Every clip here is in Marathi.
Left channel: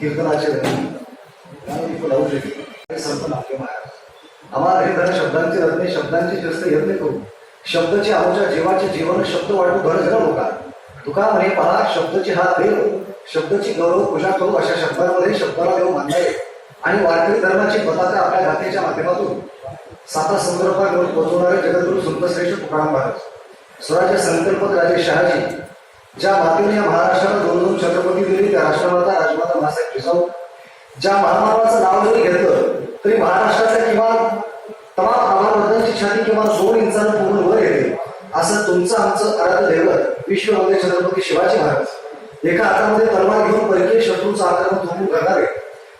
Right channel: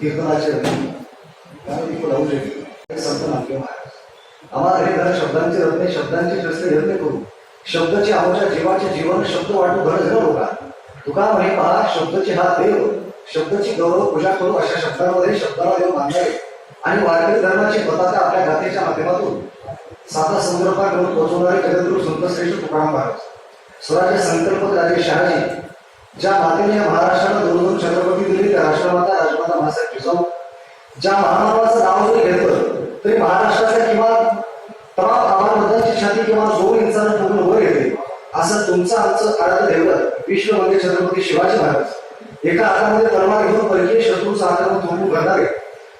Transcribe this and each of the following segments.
कीर्तनाचे संत नाट्य महाराज आम्हाला हे धन शब्दांचे रत्ने शब्दांचे शस्त्र यत्न करू शब्दाचे आमच्या जीवाचे जीवन शब्द वाटू धन जण लोका तुका म्हणे पहा शब्दाची हा देव शब्दाची गौरव पूजा करू अशा शब्दांमध्ये शब्दाला देव मानले आणि वारकरी धर्माची पताका आपल्या गाथेच्या माध्यमातून साता समुद्रपार पोहोचवणारे जगद्गुरु संतश्रेष्ठ तुकाराम महाराज स्वराज्य संकल्पक राजे शहाजी ज्या मातेने या महाराष्ट्राला दोन दोन छत्रपती दिले त्या राष्ट्रमाता राजमाता मासाहेब जिजाऊ ज्या महामानवाचं नाव जरी घेतलं तरी महाराष्ट्राच्या किमान तमाम आव्हानांची छाती किमान 2 इंचानं पूर्ण वर येते असं तुमचं आमचं आराध्य दैवत विश्ववंद्य छत्रपती शिवाजी महाराज एका हातामध्ये तलवार घेऊन परकीय शत्रूंचा आक्रमण थोपवून करणारे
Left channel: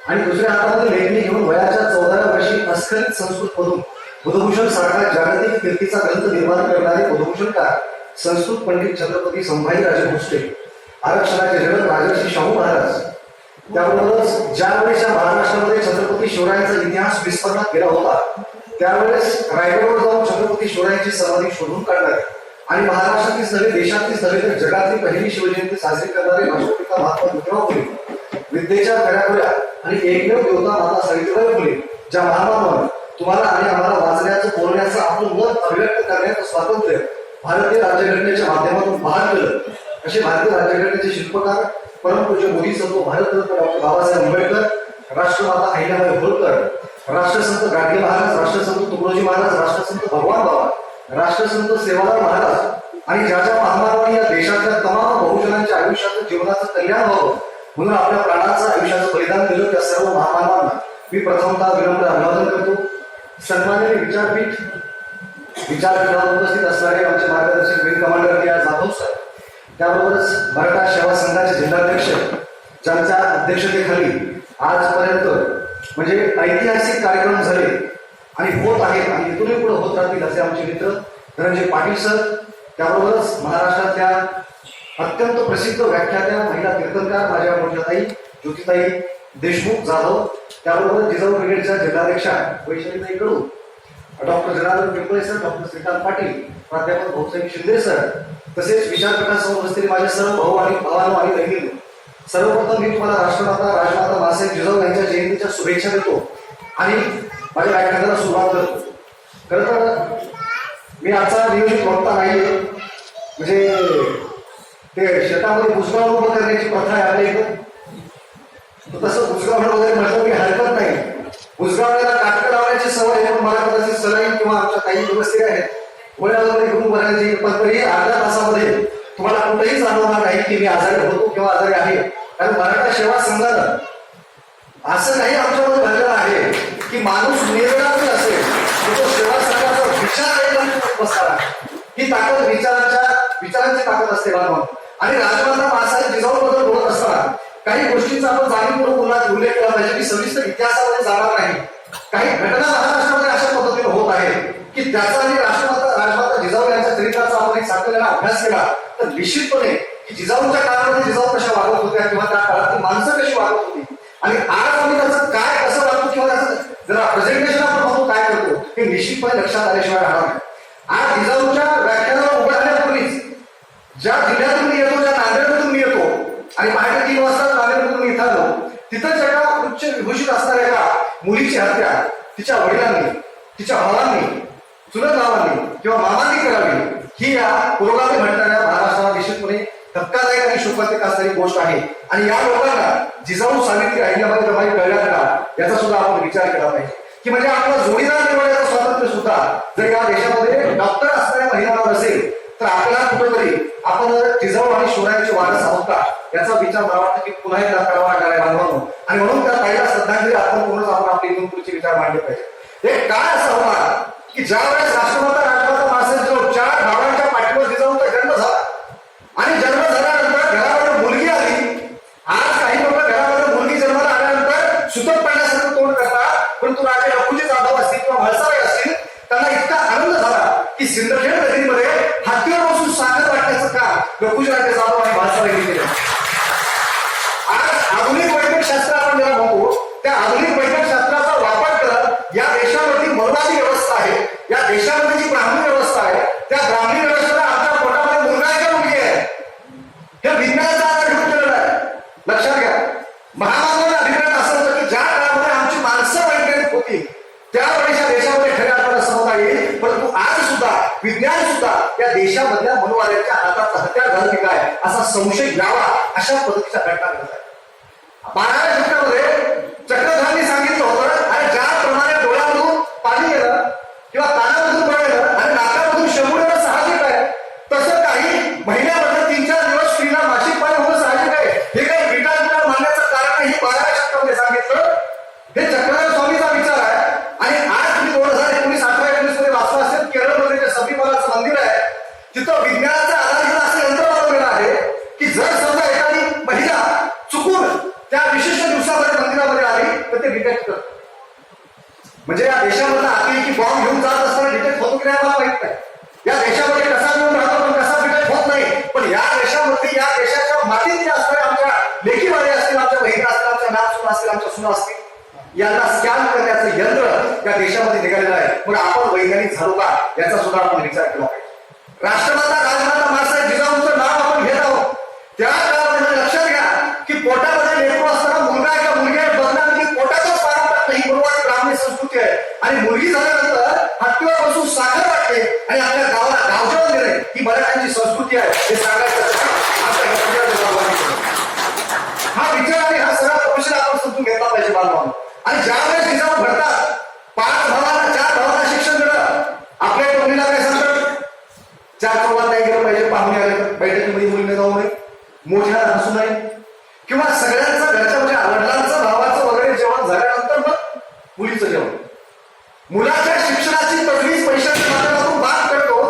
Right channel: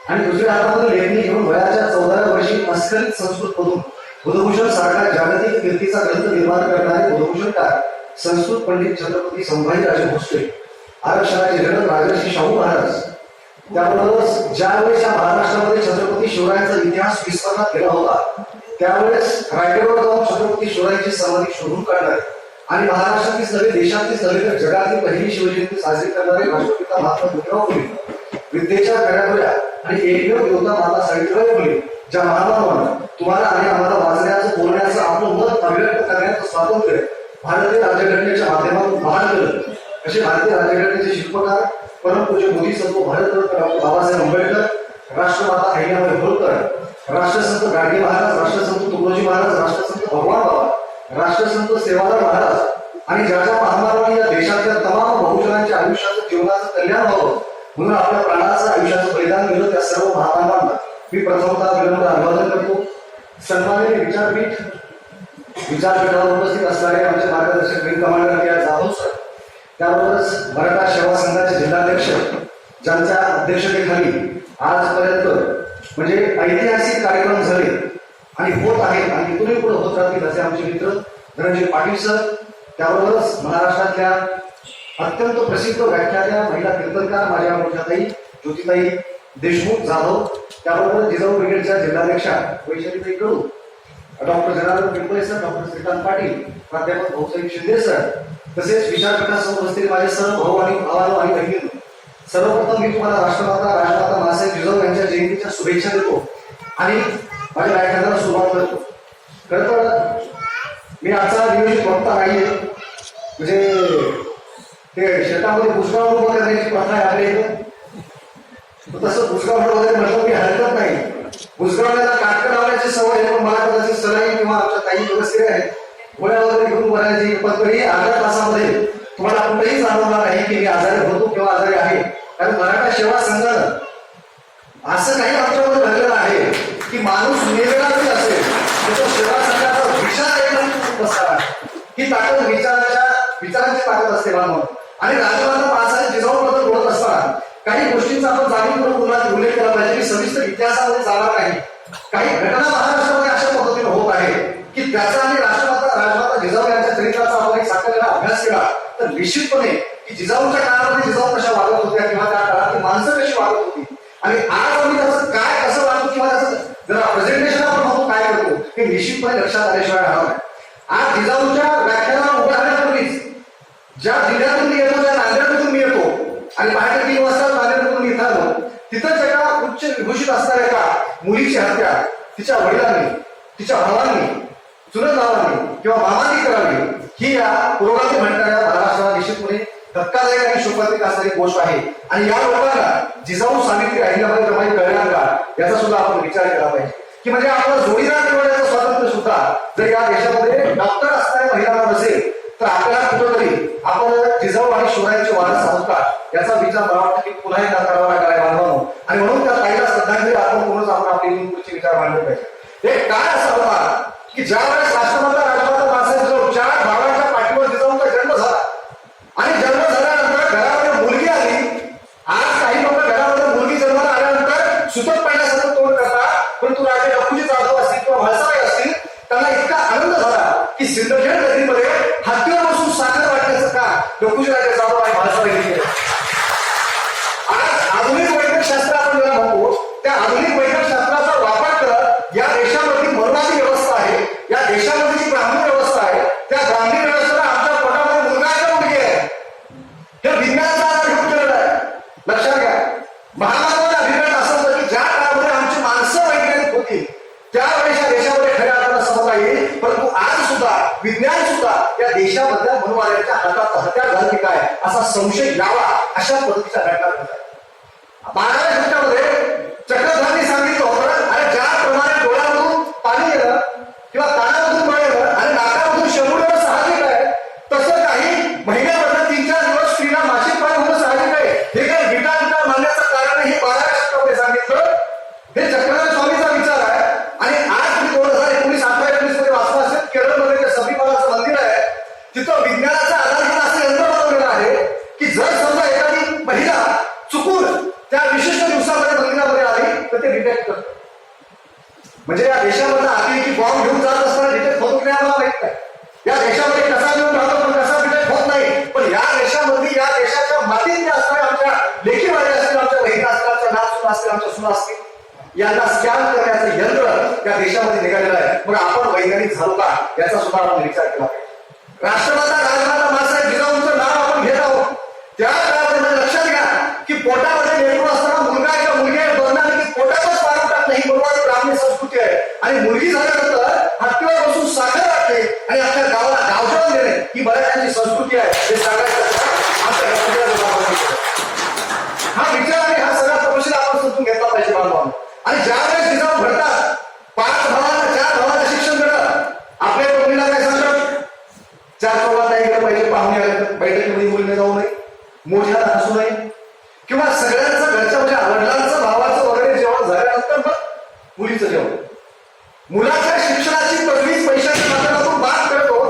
आणि दुसऱ्या हातामध्ये लेखणी घेऊन वयाच्या 14व्या वर्षी अस्खलित संस्कृत मधून बुधभूषण सारखा जागतिक कीर्तीचा ग्रंथ निर्माण करणारे बुधभूषणकार संस्कृत पंडित छत्रपती संभाजीराजे भोसले आरक्षणाचे जनक राजर्षी शाहू महाराज त्याबरोबरच ज्यावेळेस या महाराष्ट्रामध्ये छत्रपती शिवरायांचा इतिहास विस्मरणात गेला होता त्यावेळेस रायगडवर जाऊन छत्रपती शिवरायांची समाधी शोधून काढणारे आणि महाराष्ट्रातीच नव्हे देशातीच नव्हे तर जगातली पहिली शिवजयंती साजरी करणारे राष्ट्रपिता महात्मा ज्योतिराव फुले विद्येच्या खऱ्याखुऱ्या आणि एकमेव देवता माता सावित्रीबाई फुले ज्या महामानवानं तुम्हाला आणि आम्हाला वाचण्याचं बोलण्याचं आपलं मत अभिव्यक्त करण्याचं स्वातंत्र्य भारतीय राज्यघटनेच्या माध्यमातून बहाल केलं असे भारतीय राज्यघटनेचे शिल्पकार परमपूज्य मोदी संत भारतरत्न डॉक्टर बाबासाहेब आंबेडकर राष्ट्रमाता अहिल्याबाई होळकर राष्ट्रसंत गाडगे महाराज राष्ट्रसंत तुकडोजी महाराज राष्ट्रसंत भगवान बाबा राष्ट्रसंत सेवालाल महाराज आणि ज्या ज्या महामानवांनी या देशातल्या तमाम बहुजनांच्या आयुष्याचं जीवनाचं कल्याण व्हावं म्हणून आपल्या प्राणाचं आयुष्याचं बलिदान दिलं त्या सर्व महामानवांना मी प्रथमतः विनम्र अभिवादन करतो. सन्माननीय विचारपीठावर उपस्थित असणारे आमचे मार्गदर्शक विंग कमांडर या जाधव सर त्याबरोबरच मराठा सेवा संघाचे जिल्हाध्यक्ष ज्यांच्या अध्यक्षतेखाली आजपर्यंत म्हणजे ऐतिहासिक कार्यक्रम झाले आणि होत आहेत आणि इथूनही पुढे होत राहतील असे आमचे मित्र धनंजय पाटील सर त्याबरोबरच महाराष्ट्रातल्या अत्यंत प्रसिद्ध व्याख्यात्या महिला कीर्तनकार माझ्या मोठ्याताई ज्योतिताई देशमुख जाधव त्याबरोबर जिजाऊ ब्रिगेडच्या जिल्हाध्यक्षा वैशालीताई Kadu doctor Janardan Pimple sir doctor Shrikant Patil प्राध्यापक भाऊसाहेब शिंदे सर तसेच विचारपीठासमोर बसलेले माझे सर्व भाऊ आणि भावांनो आणि बहिणींनो सर्वप्रथम मी तुम्हाला राष्ट्रमाता राजमाता मासाहेब जिजाऊ यांच्या जयंतीच्या शुभेच्छा देतो आणि माझ्या व्याख्यानाला सुरुवात करतो. खरं तर मी आजचा नियोजित वक्ता नाहीये म्हणजे ते शेतामध्ये बुजगाव उभं करण्याची प्रथा आहे आपल्या इथं तसं बुजगाव वगैरे म्हटलं की हरकत नाही बुजगावला काटकं लावण्याची सवय आहे मला कदाचित सलाईन किंवा आमच्या काही व्यवस्थित आहेत गोळ्यावरती घेऊन भरायची पण तरी अर्ध्या तासामध्ये तुम्हाला कुठेही जाणवणार नाही की मी आजारी होतो किंवा आजारी आहे कारण मराठा सेवा संघानं असं काही आमच्यामध्ये घडलेलं आहे की माणूस निवेदनातील असेल तो सेवा संघाचा विचार बसावा ही ताकद विचारांची ताकद असते मानव आणि राजमाता मासाहेब जिजाऊबद्दल बोलत असताना काही गोष्टींचा आपण जाणीवपूर्वक पुन्हा उल्लेख केला पाहिजे की सविस्तर इतिहासामध्ये जाणार नाही काही घटना महाराष्ट्रामध्ये अशा पद्धतीने होत आहे की त्याचा आणि राजमाता जिजाऊ यांच्या चरित्राचा आपण एक सातत्याने अभ्यास केला तर निश्चितपणे की जिजाऊच्या काळामध्ये जिजाऊ कशा वागत होत्या किंवा त्या काळात माणसं कशी वागत होती आणि आज आम्ही त्याचं काय कसं वागतो किंवा त्याचं जरा प्रेझेंटेशन आपण बघू काय करतो हे निश्चितपणे लक्षात आल्याशिवाय राहणार नाही. आज जिजाऊच्या व्याख्यानाला उभारण्यापूर्वीच ज्या जिल्ह्यातून मी येतो ज्या नांदेडमधून मी येतो आणि पहाटे 3 वाजता नांदेडमधून इथं आलो तिथंच एका उच्च विभूषित असणाऱ्या एका मुलीची हत्या तिच्या वडिलांनी तिच्या भावांनी चुलत भावांनी किंवा मामांनी करावी ही या पुरोगामी म्हणणाऱ्या महाराष्ट्राला निश्चितपणे धक्कादायक आणि शोकांतिक असणारी गोष्ट आहे आणि या लोकांना जिजाऊ सावित्री अहिल्याबाई रमाई कळणार का याचा सुद्धा आपण विचार केला पाहिजे की म्हणजे आपला जोडीदार निवडण्याचं स्वातंत्र्य सुद्धा जर या देशामध्ये डॉक्टर असणाऱ्या महिलांना नसेल तर आपल्याला कुठेतरी आपण जिजाऊ आणि शिवरायांचे वारस आहोत का याचा विचार मला वाटतं की पुन्हा एकदा करावा लागणार आहे बांधवांनो आणि म्हणून त्या ताईला श्रद्धांजली आपण पूर्णच आपण आपले इथून पुढचे विचार मांडले पाहिजे. एक काळ असा होता की ज्या वेळेस राजमाता मासाहेब जिजाऊ 4 भावांच्या पाठीवर जिजाऊचा जन्म झाला आणि जन्म झाल्यानंतर घरामध्ये मुलगी आली. आज काही लोक घरामध्ये मुलगी जन्माला आल्यानंतर सुतक पाहिल्यासारखं तोंड करतात परंतु राजे लखुजी जाधव असतील किंवा म्हाळसाबाई असतील त्यांना इतका आनंद झाला की सिंदखेड नगरीमध्ये हत्तीवर बसून साखर वाटण्याचं काम लखुजी राजे जाधव आणि म्हाळसाबाईंनी केलं. आज आधुनिक वैद्यकशास्त्र आपण ज्याला म्हणतो त्या आधुनिक वैद्यकशास्त्राचा वापर करत या देशामध्ये मनोवादी व्यवस्था आहे या देशामध्ये जी ब्राह्मणी व्यवस्था आहे त्या ब्राह्मणी व्यवस्थेला आमच्या पोटामध्ये मुलगा आहे का मुलगी आहे हे विज्ञानाचा विज्ञान सुद्धा या देशामधल्या मनोवाद्यांच्या हातात हत्यार झालं की काय असा संशय यावा अशा पद्धतीच्या घटना घडत आहेत. 12व्या शतकामध्ये चक्रधरांनी सांगितलं होतं, अरे ज्याप्रमाणे डोळ्यामधून पाणी येणं किंवा कानामधून पाणी येणं आणि नाकामधून शेंबूड येणं साहजिक आहे, तसं काही महिन्यामधलं 3-4 दिवस स्त्रीला मासिक पाणी होणं साहजिक आहे. हे काही विटाळ मानण्याचं कारण नाही, हे 12व्या शतकामध्ये सांगितलं. हे चक्रधर स्वामीचा विचार आहे. आणि आज तुम्ही 2019 18-19 मध्ये वाचला असेल, केरळमध्ये जे सबरीमालाचं मंदिर आहे तिथं विज्ञानाचा आधार घेऊन असं यंत्र बनवलेलं आहे की जर समजा एखादी महिला चुकून त्या विशिष्ट दिवसामध्ये मंदिरामध्ये आली तर ते डिटेक्ट करतं. म्हणजे या देशामधला अतिरेकी बॉम्ब घेऊन जात असताना डिटेक्ट होतो की नाही आम्हाला माहित नाही. या देशामध्ये कसा घेऊन राहतो पण कसा डिटेक्ट होत नाही. पण या देशामधली या देशाच्या मातीत जे असणारे आमच्या लेखी वाडी असतील, आमच्या बहिणी असतील, आमच्या नात असतील, आमच्या सुना असतील, यांना स्कॅन करण्याचं यंत्र या देशामध्ये निघालेलं आहे. मग आपण वैज्ञानिक झालो का याचा सुद्धा आपण विचार केला पाहिजे. राष्ट्रमाता राजमाता मासाहेब जिजाऊंचं नाव आपण घेत आहोत. त्या काळामध्ये म्हणजे लक्षात घ्या की पोटामध्ये लेकरू असताना मुलगा आहे का मुलगी आहे बघणार की पोटातच पाडून टाकणं ही गुरुवारी ब्राह्मणी संस्कृती आहे. आणि मुलगी झाल्यानंतर हत्तीवर बसून साखर वाटते आणि आपल्या गावाला गावजेवण देणे ही मराठ्यांची संस्कृती आहे हे सांगायचं आमच्या हा विचार आणि हा सगळा तपशील आपण समजून घेतला पाहिजे बांधवांनो. आणि ज्यावेळेस जिजाऊ घडतात 5 भावांना 4 भावांना शिक्षण देणं, आपल्या टोपणीला काय सांगतात 4 चौघात नाही गेलं पाहिजे, पाहुणे आले तर बैठकीमध्ये मुलीने जाऊ नये, मोठ्याला हसू नये किंवा सगळ्यांचं घरच्या म्हणजे वडिलांचं भावाचं वगैरे जेवण झाल्यानंतर मग मुलीचं जेवण. मुलाच्या शिक्षणाची तजवीज पैशाच्या माध्यमातून बात करतो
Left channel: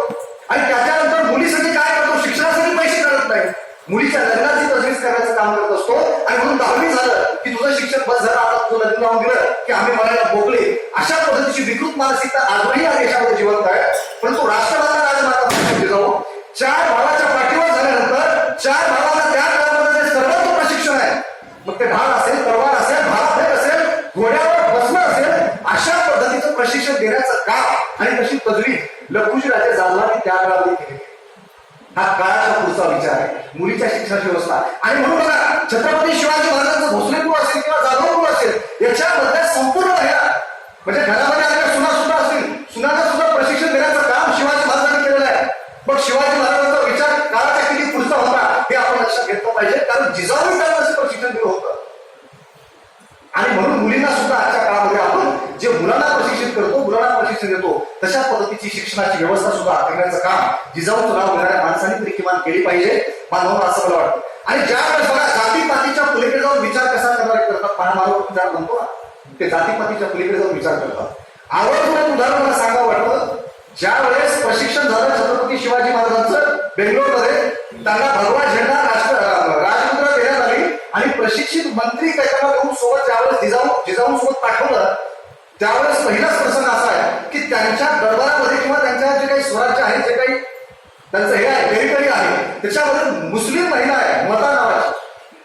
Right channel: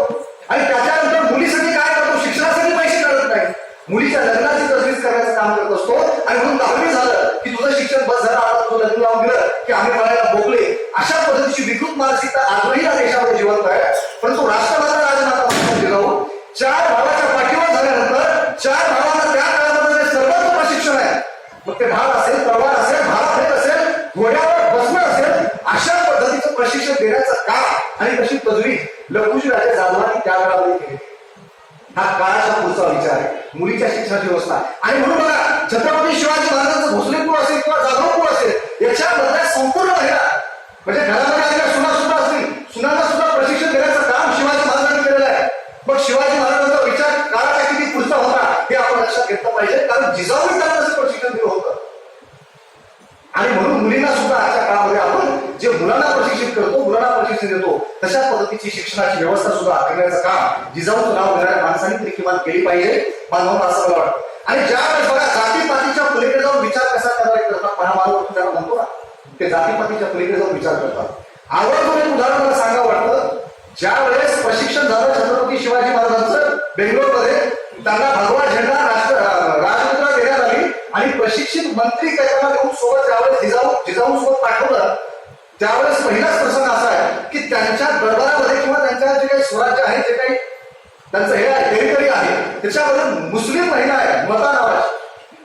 आणि त्याच्यानंतर मुलीसाठी काय करतो, शिक्षणासाठी पैसे काढत नाही, मुलीच्या लग्नाची तजवीज करण्याचं काम करत असतो. आणि म्हणून 10वी झालं की तुझं शिक्षण बस झालं, आता तुझं लग्न लावून दिलं की आम्ही म्हणायला बोगले. अशा पद्धतीची विकृत मानसिकता आजही या देशामध्ये जिवंत आहे. परंतु राष्ट्रमाता राजमाता मासाहेब जिजाऊ 4 भावाच्या पाठीवर झाल्यानंतर 4 भावांना त्या काळामध्ये जे सर्वोच्च प्रशिक्षण आहे, मग ते ढाल असेल, तलवार असेल, भालाफेक असेल, घोड्यावर बसणं असेल, अशा पद्धतीचं प्रशिक्षण देण्याचं काम आणि तशी तजवीज लखुजी राजे जाधवांनी त्या काळामध्ये केली. हा काळाचा पुढचा विचार आहे, मुलीच्या शिक्षणाची व्यवस्था. आणि म्हणून बघा छत्रपती शिवाजी महाराजांचं भोसलेपूर असेल किंवा जाधवपूर असेल, याच्यामधल्या संपूर्ण महिला म्हणजे घरामध्ये आलेल्या सुना सुद्धा असतील, सुनांना सुद्धा प्रशिक्षण देण्याचं काम शिवाजी महाराजांनी केलेलं आहे. मग शिवाजी महाराजांचा विचार काळाचा किती पुढचा होता हे आपण लक्षात घेतलं पाहिजे, कारण जिजाऊंनी त्यांना असं प्रशिक्षण दिलं होतं. आणि म्हणून मुलींना सुद्धा आजच्या काळामध्ये आपण जे मुलांना प्रशिक्षित करतो, मुलांना प्रशिक्षण देतो, तशा पद्धतीची शिक्षणाची व्यवस्था सुद्धा करण्याचं काम जिजाऊचं नाव घेणाऱ्या माणसांनी तरी किमान केली पाहिजे बांधवांना, असं मला वाटतं. आणि ज्यावेळेस बघा जातीपातीच्या पलीकडे जाऊन विचार कसा करणारे करतात, महामानव ज्याला म्हणतो ना, ते जातीपातीच्या पलीकडे जाऊन विचार करतात. आवर्जून एक उदाहरण मला सांगावं वाटतं. ज्या वेळेस प्रशिक्षण झालं छत्रपती शिवाजी महाराजांचं बेंगलोरमध्ये, त्यांना भगवा झेंडा राजमुद्रा देण्यात आली आणि प्रशिक्षित मंत्री त्याच्याला घेऊन सोबत ज्यावेळेस जिजाऊ सोबत पाठवलं, त्यावेळेस पहिलाच प्रसंग असा आहे की त्यांच्या दरबारामध्ये किंवा त्यांच्या जे काही स्वराज्य आहे, जे काही त्यांचं हे आहे टेरिटरी आहे, त्याच्यामध्ये मुस्लिम महिला आहे मता नावाची.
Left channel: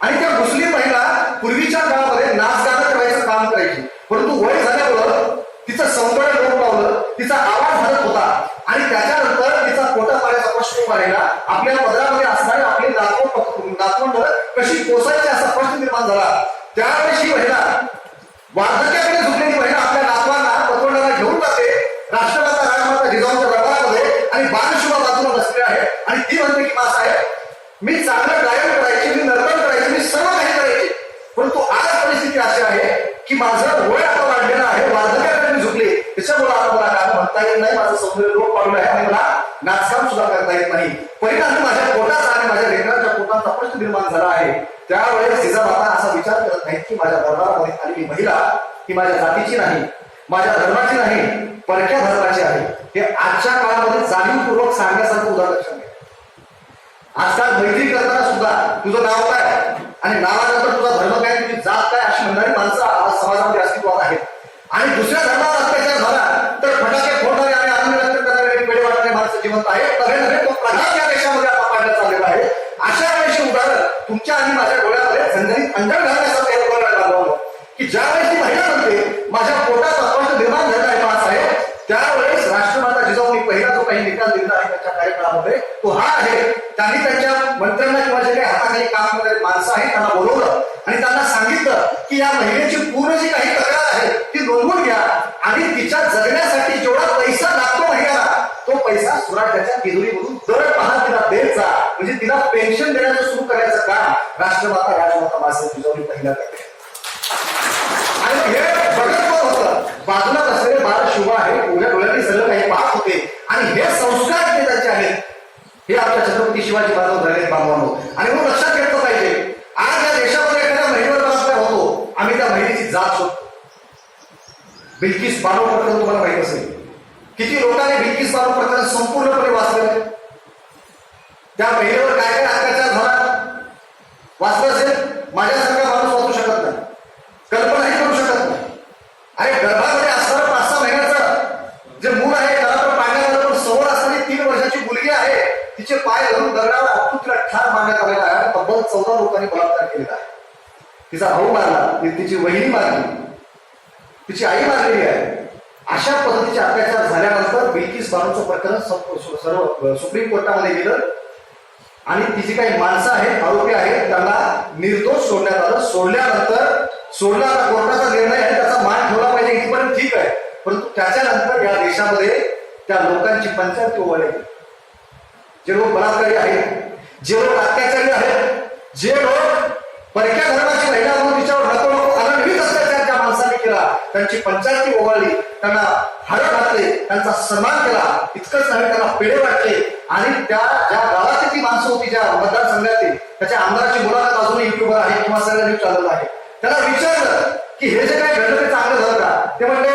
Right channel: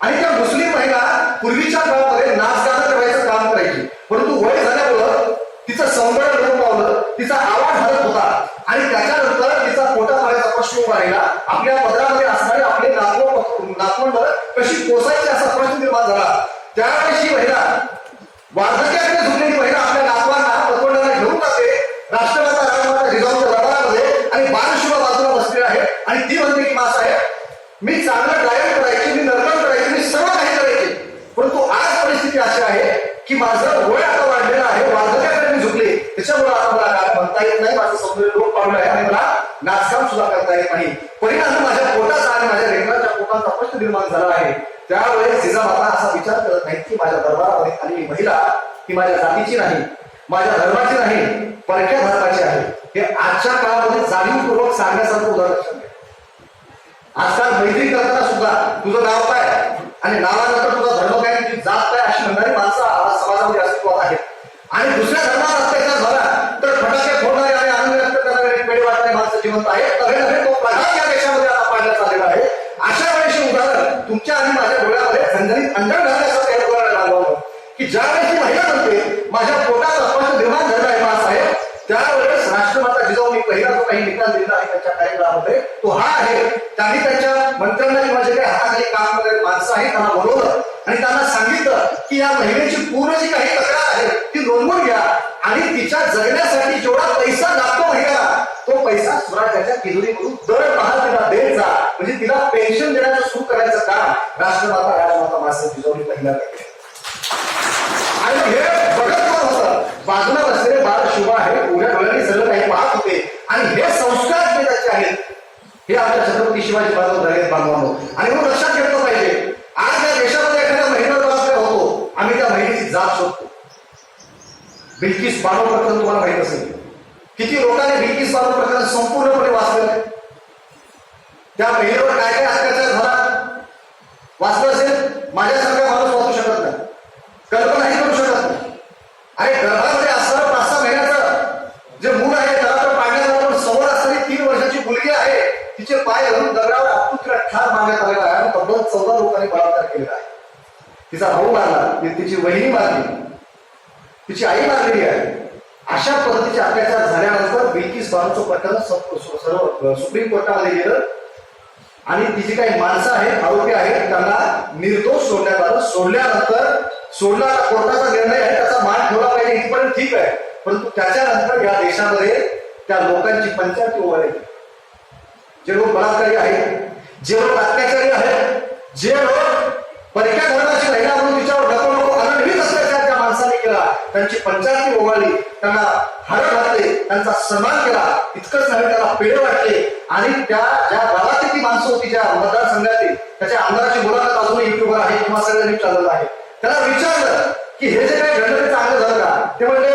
आणि त्या मुस्लिम महिला पूर्वीच्या काळामध्ये नाचगाणं करायचं काम करायची, परंतु वय झाल्यामुळं तिचं सौंदर्य लोप पावलं, तिचा आवाज हलत होता आणि त्याच्यानंतर तिचा पोटा पाण्याचा प्रश्न उभा राहिला. आपल्या पदरामध्ये असणारी आपली नातवंड कशी पोसायची असा प्रश्न निर्माण झाला. त्यावेळेस ही महिला वार्धक्याकडे झुकलेली महिला आपल्या नातवांना पतवंडांना घेऊन जाते राष्ट्रमाता राजमाता जिजाऊंच्या दरबारामध्ये आणि बाणशुभा बाजूला बसले आहे आणि ती म्हणते की मासाहेब मी चांगलं गायन करायचे, मी नर्तन करायचे, मी सर्व काही करायचे, परंतु आज परिस्थिती अशी आहे की माझं वय आता वाढलेलं आहे, वार्धक्याकडे मी झुकले, त्याच्यामुळे आता मला गाणं म्हणता येत नाही, माझं सौंदर्य लोप पावलं आहे आणि मला नाचकाम सुद्धा करता येत नाही. परिणामी माझ्या पोटाचा आणि माझ्या लेकरांच्या पोटांचा प्रश्न निर्माण झाला आहे. त्यावेळेस जिजामाता असा विचार करत नाहीत की माझ्या दरबारामध्ये आलेली महिला ही माझ्या जातीची नाही, माझ्या धर्माची नाही, परक्या धर्माची आहे. हे आजच्या काळामध्ये जाणीवपूर्वक सांगण्यासारखं उदाहरण लक्षात घ्या. आजकाल मैत्री करताना सुद्धा तुझं नाव काय आणि नावानंतर तुझा धर्म काय, तुझी जात काय अशी म्हणणारी माणसं आज समाजामध्ये अस्तित्वात आहेत. आणि दुसऱ्या धर्मावर अत्याचार झाला तर फटाके फोडणारे आणि आनंद व्यक्त करणारे पेढे वाटणारे माणसं जिवंत आहेत. नव्हे नव्हे तो प्रघात या देशामध्ये आता पाडण्यात आलेला आहे. अशा वेळेस उदाहरण तुमच्या आणि माझ्या डोळ्यामध्ये झणझणीत अंधण घालण्यासारखं हे उदाहरण आहे की ज्यावेळेस ती महिला म्हणते माझ्या पोटाचा प्रश्न निर्माण झाला आहे मासाहेब, त्यावेळेस राष्ट्रमाता जिजाऊंनी पहिला जो काही निकाल दिला आहे त्यांच्या कार्यक्रमामध्ये तो हा आहे. त्यांनी त्यांच्या मंत्र्यांना किंवा जे काही हाताखाली काम करणारे माणसं आहेत त्यांना बोलवलं आणि त्यांना सांगितलं की या महिलेची पूर्ण जी काही तक्रार आहे ती नोंदवून घ्या आणि तिच्या जगण्यासाठी जेवढा पैसा लागतो महिन्याला तो पैसा स्वराज्याच्या तिजोरीमधून दरमहा तिला देत जा, म्हणजे तिला पेन्शन देण्याचं सुरू करायचं काम राष्ट्रमाता राजमाता मासाहेब जिजाऊंनी पहिल्यांदा केलं. आणि हे बघत कोण होतं? बाजूला बसलेले बाळ शुभा आहे, उघड्या डोळ्यांनी सगळं काही पाहत होते. आणि हे संस्कार जे त्याचे आहेत हे आमच्या छत्रपती शिवाजी महाराज झालेत बांधवांनो. आणि म्हणून लक्षात घेतलं पाहिजे, आज या देशामध्ये एखाद्या महिलेवर बलात्कार होतो, आम्ही त्या महिलेची जात शोधतो. बिल्किस बानो प्रकरण तुम्हाला माहित असेल, किती लोकांनी बिल्किस बानो प्रकरण संपूर्णपणे वाचलेलं आहे. त्या महिलेवर काय काय अत्याचार झाला वाचलं असेल. माझ्यासारखा माणूस वाचू शकत नाही, कल्पनाही करू शकत नाही. अरे गर्भामध्ये असणारं 5-6 महिन्याचं जे मूल आहे त्याला तर पाडण्यात आलं, पण समोर असणारी 3 वर्षाची मुलगी आहे, तिचे पाय धरून दगडावर आपटून तिला ठार मारण्यात आलेला आहे. आणि तब्बल 14 लोकांनी बलात्कार केलेला आहे. तिचा भाऊ मारला, तिची वहिनी मारली, तिची आई मारलेली आहे. अशा पद्धतीचे अत्याचार झाल्यानंतर बिल्किस बानोचं प्रकरण सर्व सुप्रीम कोर्टामध्ये गेलं आणि ती जी काही माणसं आहेत, आरोपी आहेत, त्यांना निर्दोष सोडण्यात आलं. सोडला आता कोर्टाचा निर्णय आहे, त्याचा मान ठेवला पाहिजे इथपर्यंत ठीक आहे. परंतु त्याच्यानंतर या देशामध्ये त्या लोकांची पंचायती उभारली. जे लोक बलात्कारी आहेत, जे लोक अत्याचारी आहेत, जे लोक परक्या धर्माची महिला म्हणून तिच्यावर नको नको अनन्वित अत्याचार त्या माणसांनी केला, त्यांची पंचायती ओवाळली, त्यांना हार घातले, त्यांचा सन्मान केला. इतकंच नाही, त्यांना पेढे वाटले. आणि त्या ज्या गावातील ती माणसं होती, ज्या मतदारसंघातली, त्याच्या आमदाराची मुलाखत अजूनही युट्यूबवर आहे किंवा सगळ्या न्यूज चालवलं आहे. त्याला विचारलं की हे जे काय घडलं ते चांगलं झालं का? ते म्हणले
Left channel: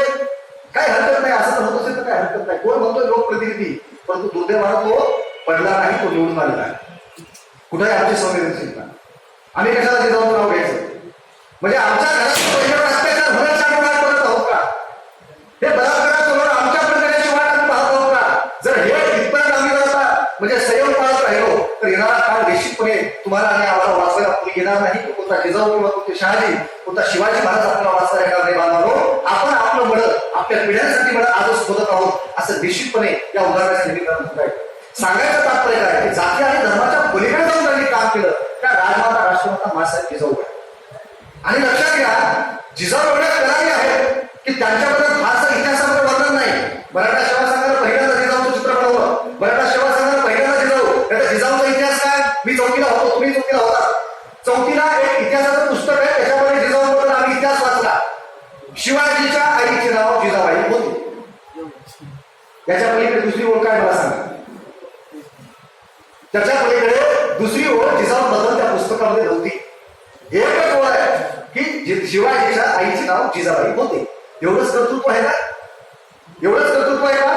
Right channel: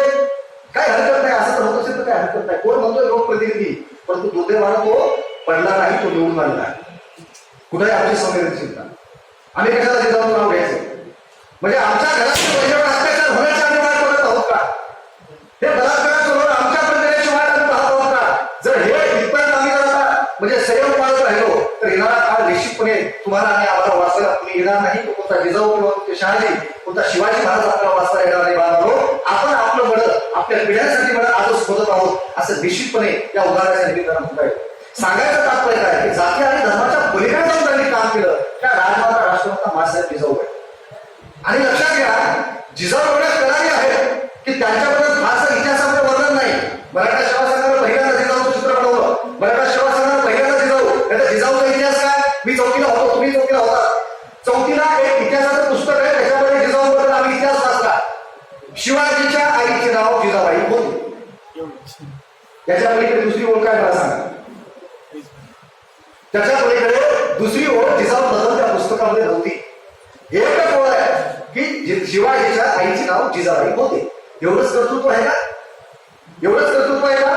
काय हरकत नाही, असं तर होत असेल तर काय हरकत नाही. कोण म्हणतोय? लोकप्रतिनिधी. परंतु दुर्दैवानं तो पडला नाही, तो निवडून आलेला आहे. कुठेही आमची संवेदनशीलता. आम्ही कशाला जिजाऊचं नाव घ्यायचं? म्हणजे आमच्या घरात पहिल्यावर अत्याचार होण्याची आम्ही वाट बघत आहोत का? हे बलात्कारासमोर आमच्यापर्यंत येण्याची वाट आम्ही पाहत आहोत का? जर हे इथपर्यंत आम्ही जर आता म्हणजे संयम पाळत राहिलो तर येणारा काळ निश्चितपणे तुम्हाला आणि आम्हाला वाचवायला कुणी येणार नाही. कोणता जिजाऊ किंवा कोणते शहाजी, कोणता शिवाजी महाराज आपल्याला वाचता येणार नाही. बांधवांनो, आपण आपलं मळं आपल्या पिढ्यांसाठी मळं आजच शोधत आहोत, असं निश्चितपणे या उदाहरणाच्या निमित्तानं म्हणता येईल. सांगायचं तात्पर्य काय की जाती आणि धर्माच्या पलीकडे जाऊन त्यांनी काम केलं त्या राजमाता राष्ट्रमाता मासाहेब जिजाऊ आहे. आणि लक्षात घ्या, जिजाऊ एवढ्या करारी आहेत की त्यांच्याबद्दल फारसं इतिहासामध्ये वर्णन नाही. मराठा सेवा संघानं पहिल्यांदा जिजाऊचं चित्र बनवलं. मराठा सेवा संघानं पहिल्यांदा जिजाऊ. त्याचा जिजाऊचा इतिहास काय? मी चौथीला होतो, तुम्ही चौथीला होता. चौथीला एक इतिहासाचं पुस्तक आहे, त्याच्यामध्ये जिजाऊबद्दल आम्ही इतिहास वाचला. शिवाजीच्या आईचे नाव जिजाबाई होते. याच्या पलीकडे दुसरी ओळ काय मला सांगा? त्याच्या पलीकडे दुसरी ओळ जिजाऊबद्दल त्या पुस्तकामध्ये नव्हती. एकच ओळ आहे की शिवाजीच्या आईचे नाव जिजाबाई होते. एवढंच कर्तृत्व आहे का? एवढंच कर्तृत्व आहे का?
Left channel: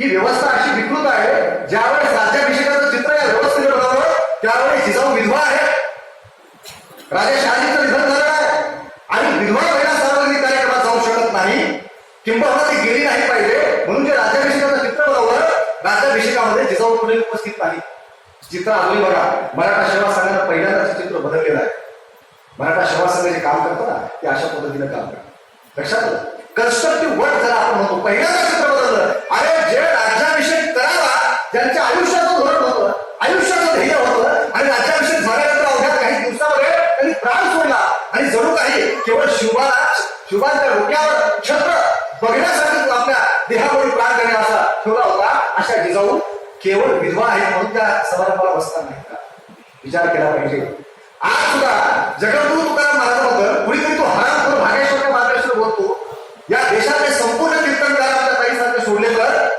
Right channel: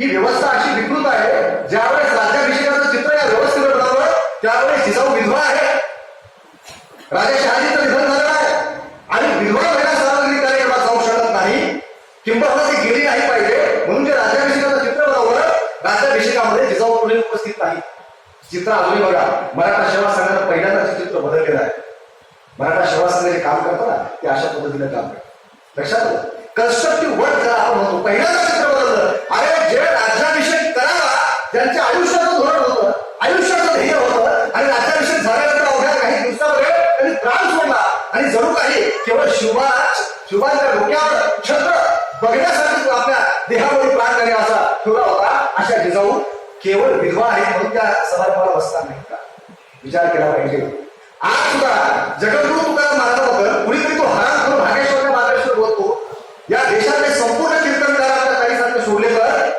ही व्यवस्था अशी विकृत आहे. ज्यावेळेस राज्याभिषेकाचं चित्र या व्यवस्थेने बनवलं त्यावेळेस जिजाऊ विधवा आहे. राजा शहाजीचं निधन झालेलं आहे आणि विधवा महिला सार्वजनिक कार्यक्रमात जाऊ शकत नाही, किंबहुना ती गेली नाही पाहिजे म्हणून जे राज्याभिषेकाचं चित्र बनवलं, राज्याभिषेकामध्ये जिजाऊ कोणी उपस्थित नाही. चित्र अजूनही बघा. मराठा सेवा संघानं पहिल्यांदाच चित्र बदललेलं आहे. मराठा सेवा संघ जे काम करतं ना ते अशा पद्धतीने काम करतात. लक्षात आलं? कन्स्ट्रक्टिव्ह वर्क जरा आपण म्हणतो, पहिल्यांदा चित्र बदललं. अरे जे राज्याभिषेक करावा, ज्यांच्या आयुष्याचं धोरण होतं, आयुष्याचं ध्येय होतं आणि राज्याभिषेक झाल्यानंतर अवघ्या काही दिवसामध्ये त्यांनी प्राण सोडला आणि जणू काही केवळ शुभांच्या डोक्यावर छत्र बघण्यासाठी आपल्या देहामध्ये प्राण देणे असा ठेवला होता. अशा जिजाऊ केवळ विधवा आहेत म्हणून त्या समारंभाला बसणार नाही का? विचार केला पाहिजे. आज सुद्धा जगद्गुरु तुकाराम महाराजांबद्दल कुणीतरी तो हरामखोर भागेश्वर मार्गेश्वर बोलतो. या देशातले संपूर्ण कीर्तनकार आपल्या ताईसारखे सोडले तर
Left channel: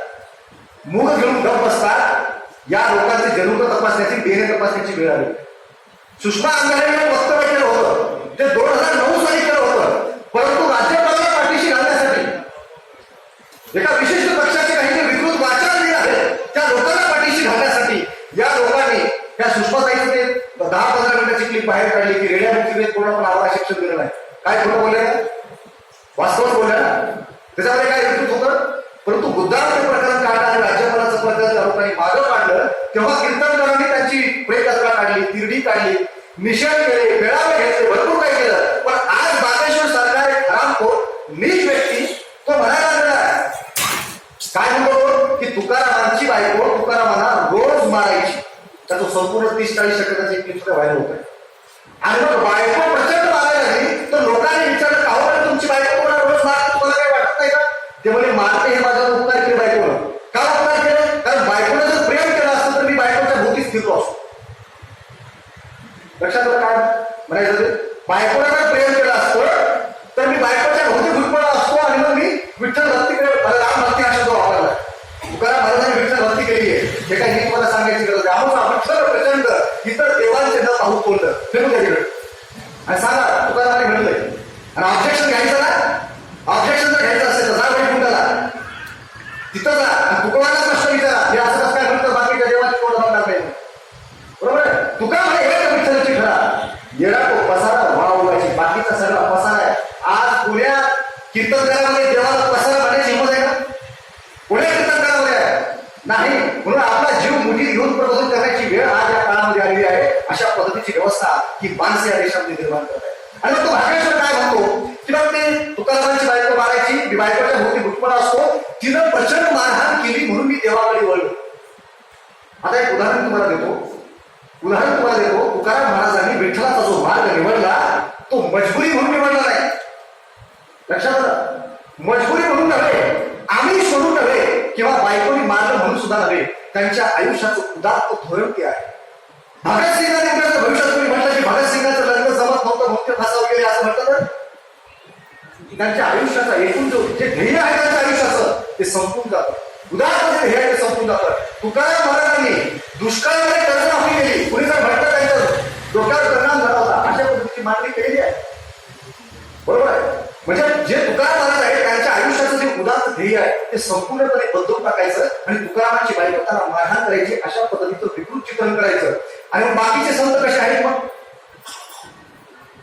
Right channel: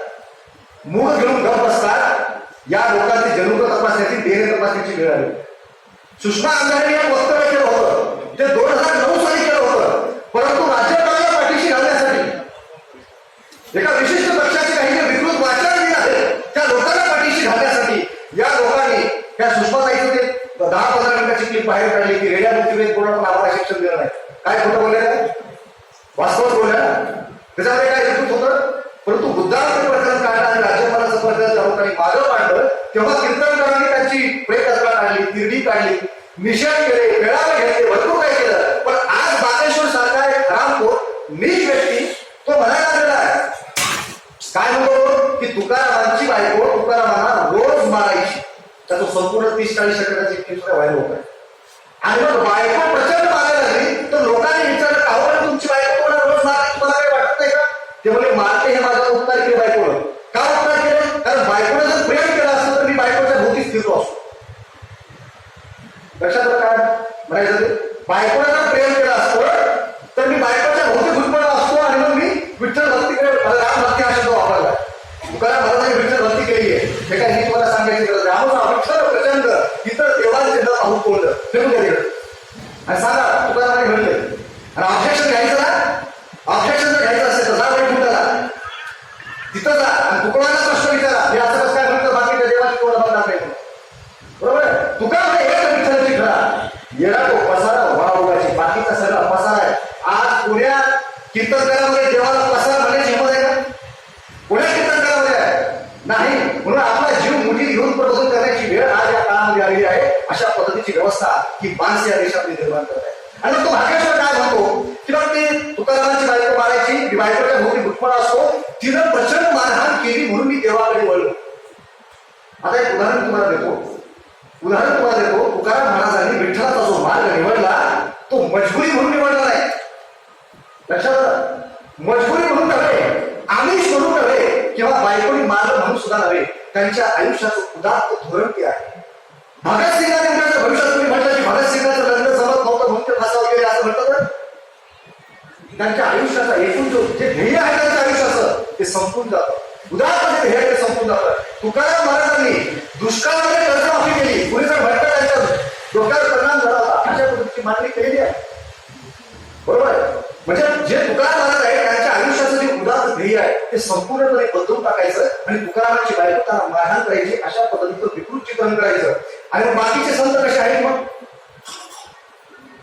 मूग घेऊन गप बसतात. या लोकांचे जनुक तपासण्याची, DNA तपासण्याची वेळ आली. सुषमा अंधारे एक वक्तव्य केलं होतं, ते 2009 साली केलं होतं. परंतु राज्यपालाला पाठीशी घालण्यासाठी एका विशिष्ट पक्षाचे काही जे विकृत वाचारवीर आहेत त्या लोकांना पाठीशी घालण्यासाठी या लोकांनी त्या सुषमाताईचं ते 10-15 मिनिटाची क्लिप बाहेर काढली की रेड्या मुक्तीवेद पूर्ण पण आम्हाला शिक्षण दिलं नाही. काय खोटं बोलले ना? वास्तवच बोलल्या ना? त्याच्यामध्ये काय विकृत होतं? परंतु बुद्धांचं प्रकरण काढलं आणि राज्यपालाचं प्रकरण त्या लोकांनी मागं काढलं तेव्हा कीर्तनकारांनी त्यांची प्रेतयात्रा काढली, तिरडी काढली, निषेध केले, मेळावे घेतले, भरपूर काय केलं. पण आज बागेश्वर सारखा एक हरामखोर नीच व्यक्ती तो म्हणायला लागलेला आहे. काय म्हणतो की तुकारामांची बायको तुकारामांना रोज मारायची. त्याचं संपूर्ण 30-40 सेकंदाची एक क्लिप सुद्धा व्हायरल होत आहे. आणि मग बायको प्रचंड मारायला लागली तर लोकांनी विचारलं का हो तुमची बायको तुम्हाला रोज मारते, तुम्हाला काही वाटत नाही का? ते म्हणजे मारते हे माझा उपकार केले बायकोनं. का उपकार केले? कारण बायकोने जर प्रेम केलं असतं तर मी बायकोच्या भोवतीच फिरलो असतो. लक्षात आलं काय म्हणायचं ते? बायकोने जर प्रेम केलं असतं तर मी बायकोच्या भोवती घुटमळला असतो आणि मग मी विठ्ठल भक्तीकडे, मला राम भक्ती हा शब्द वापरला. तुकाराम महाराजांनी विठ्ठल भक्ती केली आहे, हे काय मी तुम्हाला सांगायची गरज आहे. आमचा विठ्ठल प्रचंड इतर देवांचे न पाहू तोंड फेकून द्या तिकडे आणि सांगा तुकारामाने म्हणलंय. आणि ऑब्जेक्शन घ्यायचं ना, ऑब्जेक्शन जर घ्यायचं असेल तर जा वैकुंठाला, तिथं जा आणि तुकोबांना प्रश्न विचारा, हे असं कसं काय म्हणतं बाकीच्या देवाची तोंड बंद नाही. बरोबर आहे? तुका म्हणे हे का विठ्ठलाची खरा येडा तो पसारा वाढवायची, बाकीचा सगळा पसारा आहे. आज पुण्या कीर्तनकारामध्ये देवाला पसारा म्हणायची हिंमत आहे का? पुण्या कीर्तनकारामध्ये आहे नाही. म्हणून आपला जीव मुठीत घेऊन प्रबोधन करण्याची वेळ आज या काळामध्ये आलेली आहे. अशा पद्धतीची व्यवस्था ही माणसे या देशामध्ये निर्माण करत आहे. आणि मग तो भाग्येश्वर काय म्हणतो की मग ते तुकारामांची बायको मारायची, मी बायकोच्या भोवती घुटमळा असतो, तिनं प्रचंड मारहाण केली म्हणून मी देवाकडे वळलो. आता एक उदाहरण तुम्हाला देतो. तुकाराम महाराजांनी विठ्ठलाचा जो मार्ग निवडला तो मजबुरी म्हणून निवडला नाही. लक्षात आलं? मजबुरी म्हणून नव्हे, आमिष म्हणून नव्हे, किंवा बायकोनी मारलं म्हणून सुद्धा नव्हे. त्यांच्या आयुष्याचं उदात्त धोरण ते आहे. भगतसिंगांनी जर भविष्यात कोणी म्हटलं की भगतसिंगाचं लग्न जमत नव्हतं म्हणून ते फासावर गेले असं म्हटलं तर त्यांच्या आयुष्याचा एकूण जे ध्येय आहे त्यांच्या आयुष्याचं ते संपून जातं. उदाहरण ध्येय आहे ते संपून जातं. तुकाराम महाराजांनी दुष्काळामध्ये कर्जमाफी केली, कुणी जर म्हटलं त्यांच्या डोक्यावर परिणाम झाला होता, अशा पद्धतीची मागणी केलेली आहे. बरोबर आहे? म्हणजे जे तुकाराम महाराज आहे त्यांच्या आयुष्याचं जे उदात्त ध्येय आहे ते संपूर्णपणे बदलून टाकायचं आणि तुकारामांची बायको त्यांना मारहाण करायची, अशा पद्धतीचं विकृत चित्रण करायचं. आणि मग बाकीचे संत कसे आहेत? मग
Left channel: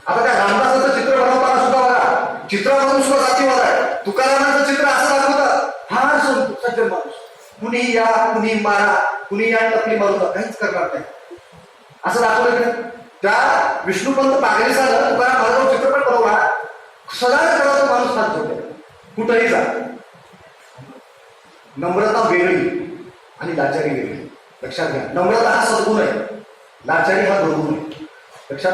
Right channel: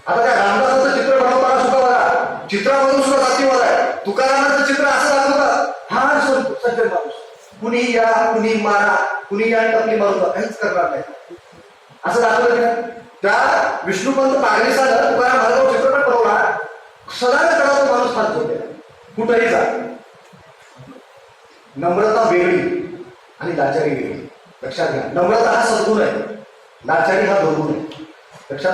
आता त्या रामदासाचं चित्र बनवताना सुद्धा बघा, चित्रामधून सुद्धा जातीवाद आहे. तुकारामांचं चित्र असं दाखवतात, हा सज्जन माणूस, कुणी या कुणी मारा, कुणी या टपली मारू, काहीच करणार नाही असं दाखवलं की नाही. त्या विष्णुपंत पागलेसानं तुकाराम महाराजांवर चित्रपट बनवला, सदाच करा तो माणूस हात जोडले, कुठेही जा. नम्रता वेगळी आणि लाचारी वेगळी. लक्षात घ्या, नम्रता हा सद्गुण आहे, लाचारी हा दुर्गुण आहे. लक्षात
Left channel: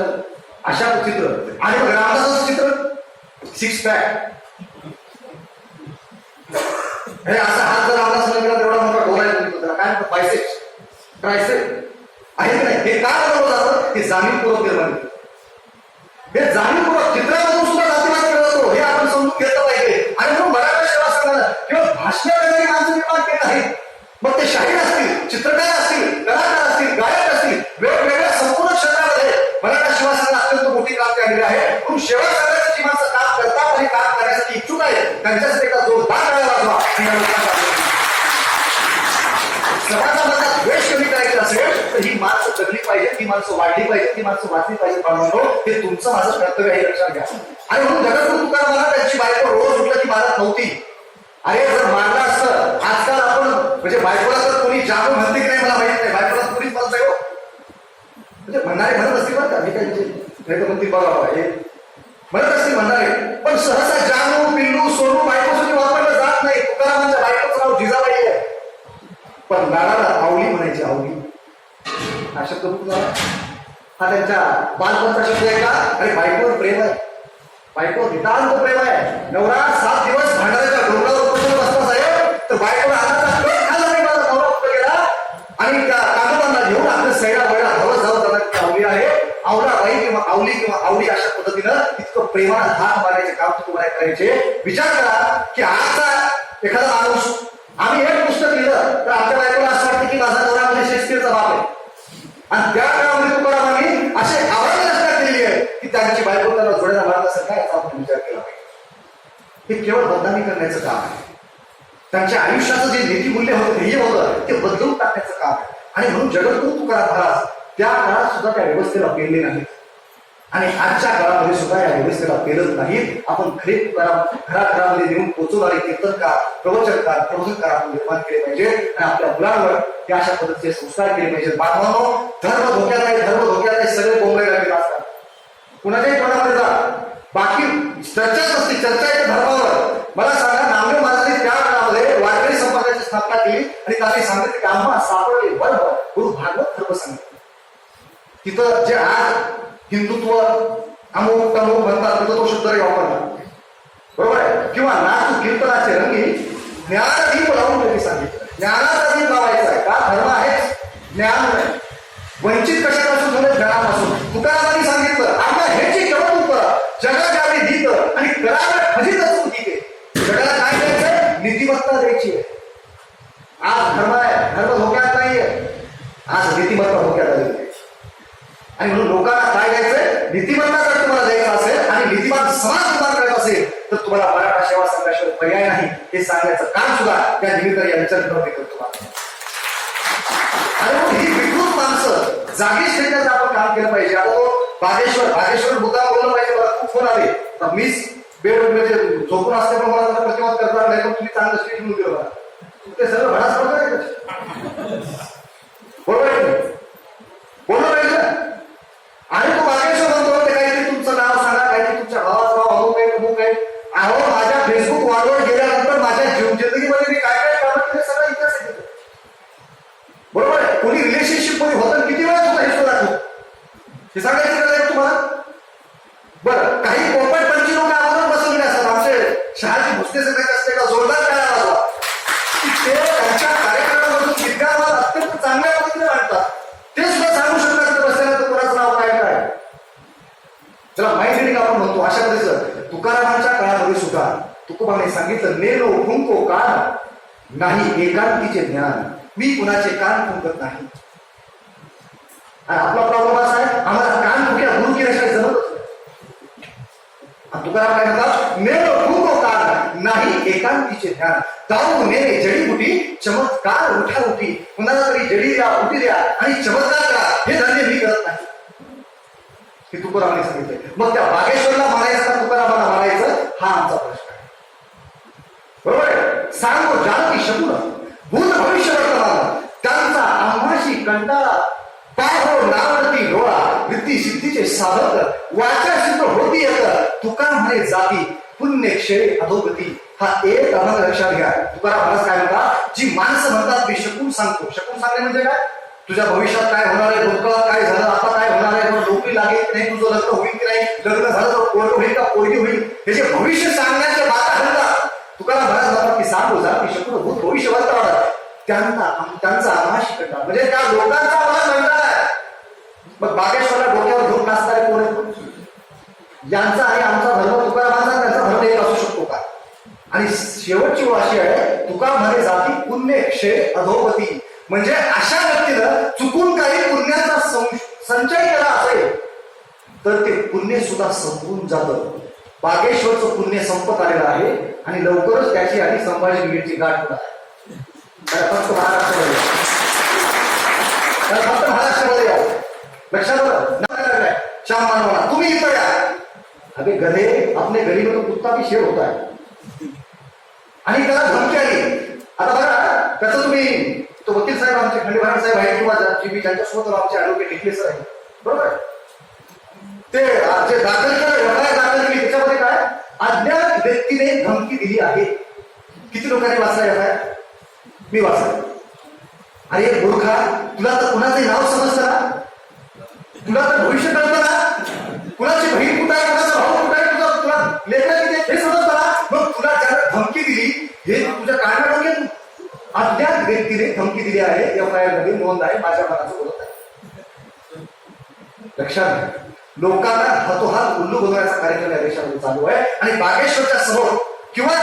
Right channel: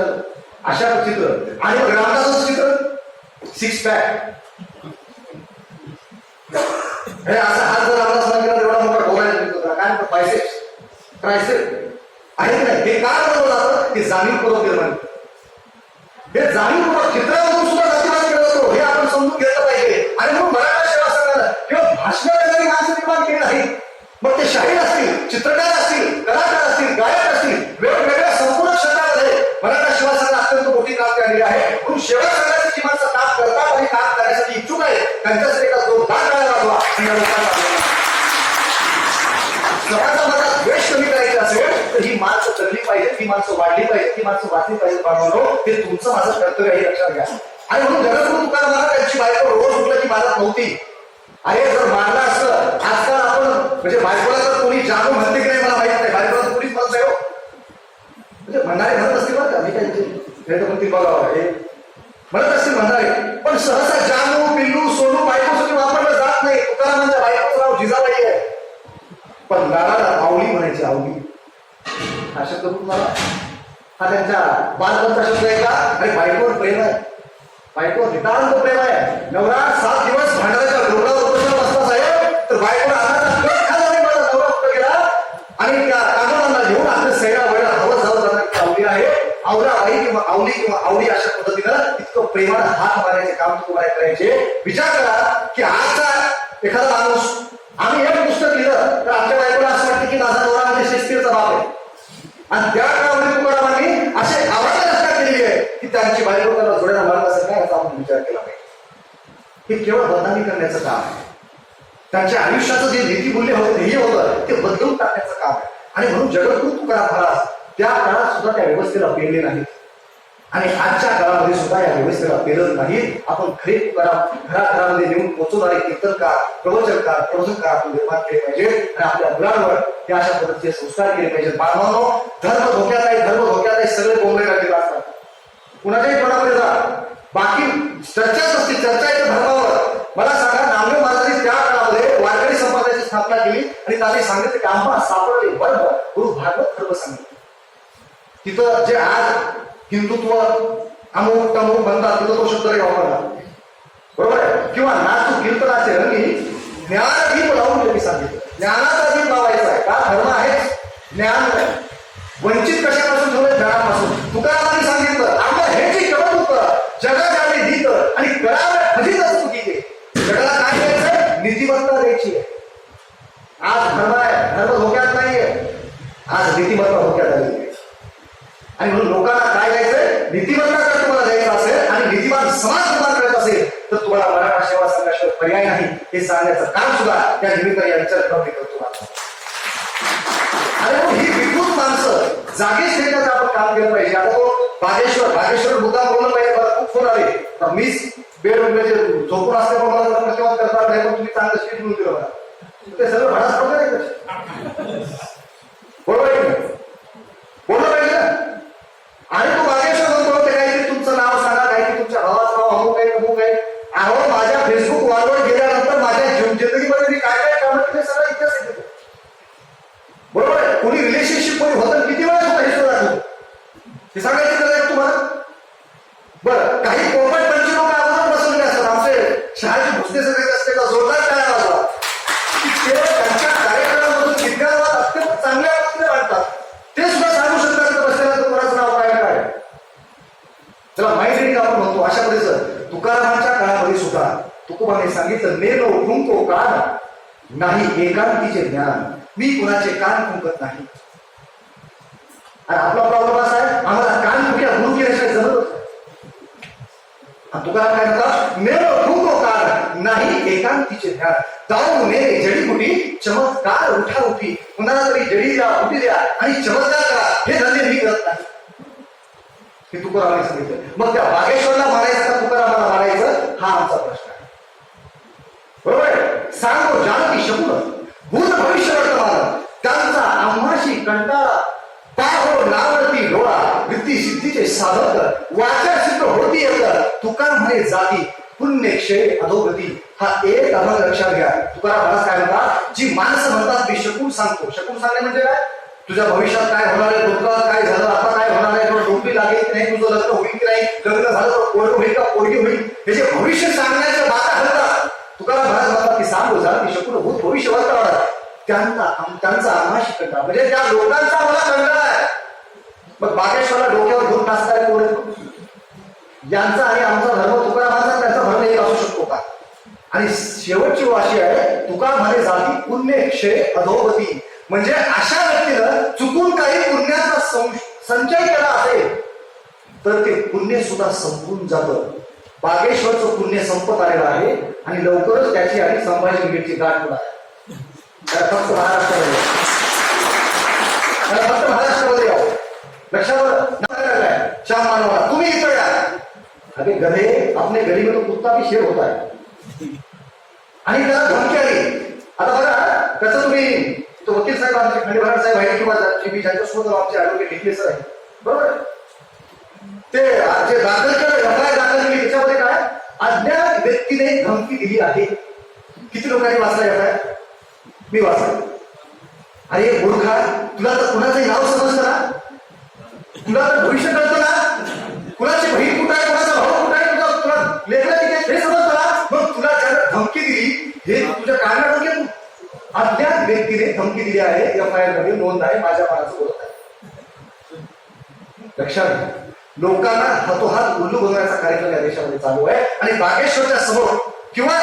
अशा चित्र. आणि मग रामदासाचं चित्र सिक्स पॅक, हे असा हात जर रामदास गेला तेवढा मोठा डोळा त्याला काय म्हणतात, बायसेप्स, ट्रायसेप आहे की नाही. हे काय बनवलं जातं? हे जाणीवपूर्वक निर्माण, हे जाणीवपूर्वक चित्रामधून सुद्धा जातीवाद केला जातो, हे आपण समजून घेतलं पाहिजे. आणि म्हणून मराठा सेवा संघानं किंवा भाषण करणारी माणसं निर्माण केली नाहीत. मग ते शाहीर असतील, चित्रकार असतील, कलाकार असतील, गायक असतील, वेगवेगळ्या संपूर्ण क्षेत्रामध्ये मराठा सेवा संघाला अत्यंत मोठी क्रांती आलेली आहे. म्हणून सेवा संघाची जी माणसं काम करतात आणि काम करण्यासाठी इच्छुक आहे त्यांच्यासाठी एका जोरदार टाळ्या वाजवा. या लोकांना समाजामधला द्वेष कमी करायचे असेल तर ही माणसं जगली पाहिजे, ही माणसं वाढली पाहिजे, ही माणसं वाचली पाहिजे. बांधवांनो, हे तुमचं माझं कर्तव्य आहे, लक्षात घ्या. आणि म्हणून जगद्गुरु तुकाराम महाराज त्यांची बायको रोज उठलं की मारत नव्हती. अरे जर मारलं असतं, आजकाल आपण म्हणजे बायकोला तर कोणी जाणू म्हणते की नाही मला माहित नाही, बायकोला तर कोणीच म्हणत नाही हो. म्हणजे म्हणणारे म्हणत असतील बरं का, मी काय म्हणतील बघा हे म्हणत असतील म्हणणारे, पण सहसा जानू, पिल्लू, सोनू बायकोसाठी वापरलं जात नाही. तुकारामांच्या बायकोचं नाव जिजाबाई आहे, पण लाडाला आवली म्हणायची, आवली हा शब्द तुम्हाला, हा त्यांच्या बालपणचा शब्द आहे का? आणि बायकोवर प्रेम आहे, बायकोवर नितांत प्रेम आहे. नवरा 7 दिवस भांडाराच्या डोंगरावर उपोषण बसला साहेब, तर बायकोला अन्नाचा कट खाल्ला नाही, माझा नवरा कुठे गेला आणि त्या कामोबांना घेऊन आपल्या सैरा वळला हवं जाऊ जाणार आवली आहे. आवराबाई किंवा आवली किंवा आवडी अशा पद्धतीनं इतकं प्रेमानं हात मारायचे काम तुम्हाला करायचे. विचार करा की आजचा एखादा माणूस, आम्ही एक पुस्तक लिहिलं तर आमच्या बायकोला असं वाटतं की माझा नवरा म्हणजे शेक्सपियरचा बाप आहे. आणि त्या काळामध्ये तुकारामांनी असे आव्हान रचना केलेली आहे की त्यांची बायको त्याला जोड्याला मारत असेल काय, याचा आपण विचार केला पाहिजे. हे केवळ बदनामी करण्याचं काम आहे. त्यांच्या आयुष्याचं जे नीतिमूल्य होतं, ध्येय होतं, ते बदलून टाकण्याचं काम आहे. आणि म्हणून जगद्गुरु तुकाराम महाराज त्या काळात सुद्धा त्या व्यवस्थेला पेलले नाहीत आणि आजच्या काळामध्ये सुद्धा या व्यवस्थेला पेलत नाहीत. आपण खरे तुकाराम घराघरामध्ये नेऊन पोहोचवणारे कीर्तनकार, प्रवचनकार, प्रबोधनकार आपण निर्माण केले पाहिजे आणि आपल्या मुलांवर त्या अशा पद्धतीचे संस्कार केले पाहिजेत. बांधवांनो, धर्म धोक्यात आहे, धर्म धोक्यात आहे, सगळे बोंबले लागलेले असतात. कुणाच्याही तोंडामध्ये जा, बाकी चर्चाच असते, चर्चा येते धर्मावर. मला सांगा, नामदेव महाराजांनी त्या काळामध्ये वारकरी संप्रदायाची स्थापना केली आणि त्यांनी सांगितलं की आम्हा सापडले वर्ग गुरु भागवत धर्म सांगितलं. तिथं जे आज हिंदुत्व अमुक तमुक म्हणतात तिथं तो शब्द वापरला, बरोबर आहे. किंवा नाचू कीर्तनाचे रंगी ज्ञानदीप लावून त्यांनी सांगितलं. ज्ञानाचा दीप लावायचा आहे. का धर्म आहेच ज्ञान नाही. वंचित कशापासून ठेवलं? ज्ञानापासून. तुकारामांनी सांगितलं आपल्या ह्याची कौतुक करा, जगा द्यावे नीत आणि करावे फजित चूक ते. जगाला काय द्यायचंय? नीतिमत्ता द्यायची आहे. आज धर्म आहे, धर्म धोक्यात नाहीये, आज नीतिमत्ता धोक्यात आलेली आहे. आणि म्हणून लोकांना काय द्यायचंय? नीतिमत्ता जर तुम्हाला द्यायचा असेल आणि नीतिमान समाज निर्माण करायचा असेल तर तुम्हाला मराठा सेवा संघाशिवाय पर्याय नाही, हे सांगण्याचं काम सुद्धा त्या निमित्ताने या विचारप्रवृत्ती करतो. आणि म्हणून ही विकृत माणसं जागेच ठेवण्याचं आपण काम केलं पाहिजे. आता तो बागेश्वर मुद्दा बोललं पाहिजे. मला खूप फोन आले, मीच बेड म्हणजे झोपून असते पण मला प्रतिवाद करणार नाही, पण तुम्ही चांगलं स्पीच म्हणून दिलं मला. ते सगळं भाडाच प्रकार आहे. बरोबर आहे बोललं पाहिजे ना. आणि तो बागेश्वर म्हणतो ते काहीतरी तुमचं नाव सांगा, काहीतरी तुमच्या भावाचं नाव अमुक आहे अमुक आहे. अहो माझ्या फेसबुक वॉलवर गेल्यानंतर माझ्या जिंदगीमध्ये मी काय काय कामं केले सगळा इतिहास आहे. बरोबर आहे. कोणी रिलेशनशिप मध्ये होतं किती वेळा होता हे सुद्धा दाखवतो. हे सांगायची गरज आहे तुम्हाला. बरं, काही पोपट पंची लोक अगोदर बसवलेले असतात. आमचे शहाजी भुसने सगळे असते का जोरदार टाळ्या वाजवा. ते त्यांच्या कार्यक्रमामधून विद्यार्थ्यांना अत्यंत चांगल्या पद्धतीने मांडतात. ते सुद्धा सांगू शकतात की बसलेला तर कोणाचं नाव काय काय. त्याला माइंड रिडिंग आपण म्हणतो. अशा पद्धतीचं तुकारामांच्या काळामध्ये सुद्धा तुकोबाने सांगितलं नेलो फुंको कान नाही एकांतीचे ज्ञान, मी कुणाचे कान फुंकत नाही. आणि आपला प्रॉब्लेम असा आहे, आम्हाला कान फुक्या गुरु केल्याशिवाय जमतच नाही. तुकाराम काय म्हणतात? नेलो फुंको कान नाही एकांतीचे ज्ञान, जाऊ नेले जडीबुटी चमत्कार उठा उठी. कुणाला तरी जडी द्या, उठी द्या आणि चमत्कार करा, हे धंदे मी करत नाही. हे तुकारामाने सांगितलं. मग त्या बागेश्वरला मानायचं का तुकारामाला मानायचं, हा आमचा प्रश्न आहे. बरोबर आहे. सांगो जानकी शकुन भूत भविष्य वर्तमान, त्यांचा आम्हाशी कंटाळा पाहो नावडती डोळा, वृत्ती सिद्धीचे साधक वाचा सिद्ध होती येत. तुकाराम म्हणे जाती पुण्यक्षय अधोगती. हा एक अभंग लक्षात घ्या. तुकाराम महाराज काय म्हणतात? जी माणसं म्हणतात मी शकून सांगतो. शकून सांगणे म्हणजे काय? तुझ्या भविष्यात काय होणार आहे, भूतकाळात काय झालं, आता काय होणार आहे, तुला नोकरी लागेल की नाही, तुझं लग्न होईल की नाही, लग्न झालं तर पोरग होईल का पोरगी होईल, हे जे भविष्य सांगण्याच्या बाता म्हणतात. तुकाराम महाराज म्हणतात की सांगो जाती शकून भूत भविष्य वर्तमान, त्यांचा आम्हाशी कंटाळा, म्हणजे त्या लोकांचा मला कंटाळा आहे. मग बागेश्वरला डोक्यावर घेऊन नाचणारे कोण आहेत? यांचा आणि आमचा धर्म, तुकारामांचा त्यांचा धर्म एक असू शकतो का? आणि शेवटची अशी आहे, तुकाराम म्हणे जाती पुण्य क्षय अधोगती, म्हणजे अशा व्यक्तीनं चुकून काही पुण्याचा संचय केला असेल तर ते पुण्य सुद्धा संपून जातं. बागेश्वरचं पुण्य संपत आलेलं आहे आणि लवकरच त्याची आणि संभाजी ब्रिगेडची गाठ होणार आहे. फक्त महाराष्ट्रामध्ये फक्त महाराष्ट्रामध्ये यावं. लक्षात लागलाय श्याम मानवाला तुम्ही इथं या. अरे गधे अपने गली में तो कुत्ता भी शेर होता है. आणि त्याला धमकी आली. आता बघा त्याचं तुम्ही तो वकील साहेब आमचे खंडेभराड साहेब आहेत किंवा ज्यांच्यासोबत आमचे ॲडव्होकेट टिकले सर आहेत, बरोबर, ते जे दाखल केलं एफआयआर दाखल केली त्याच्यामध्ये काय अज्ञात व्यक्तीने धमकी दिली आहे. किती लोकांनी वाचला एफआयआर? मी वाचला. अरे मूर्खा, तुला तर कुणाचंही नाव समजतं ना, तुला तर भविष्य कळतं ना, कुणाची बहीण कुठं आहे, कुणाचा भाऊ कुठं आहे, तुला लेकरं किती हे समजतं ना. मग तुला ज्याला धमकी दिली हे तुझ्या कानावर डोक्यात अज्ञात व्यक्तीने धमकी दिली आहे. एफआयआर मध्ये नोंद आहे, माझ्या मनाचं बोलत आहे. लक्षात घ्या. लोकांना हातोहात उल्लू बनवण्याचा कार्यक्रम या देशामध्ये चालू आहे. आणि बागेश्वरच्या समोर किंवा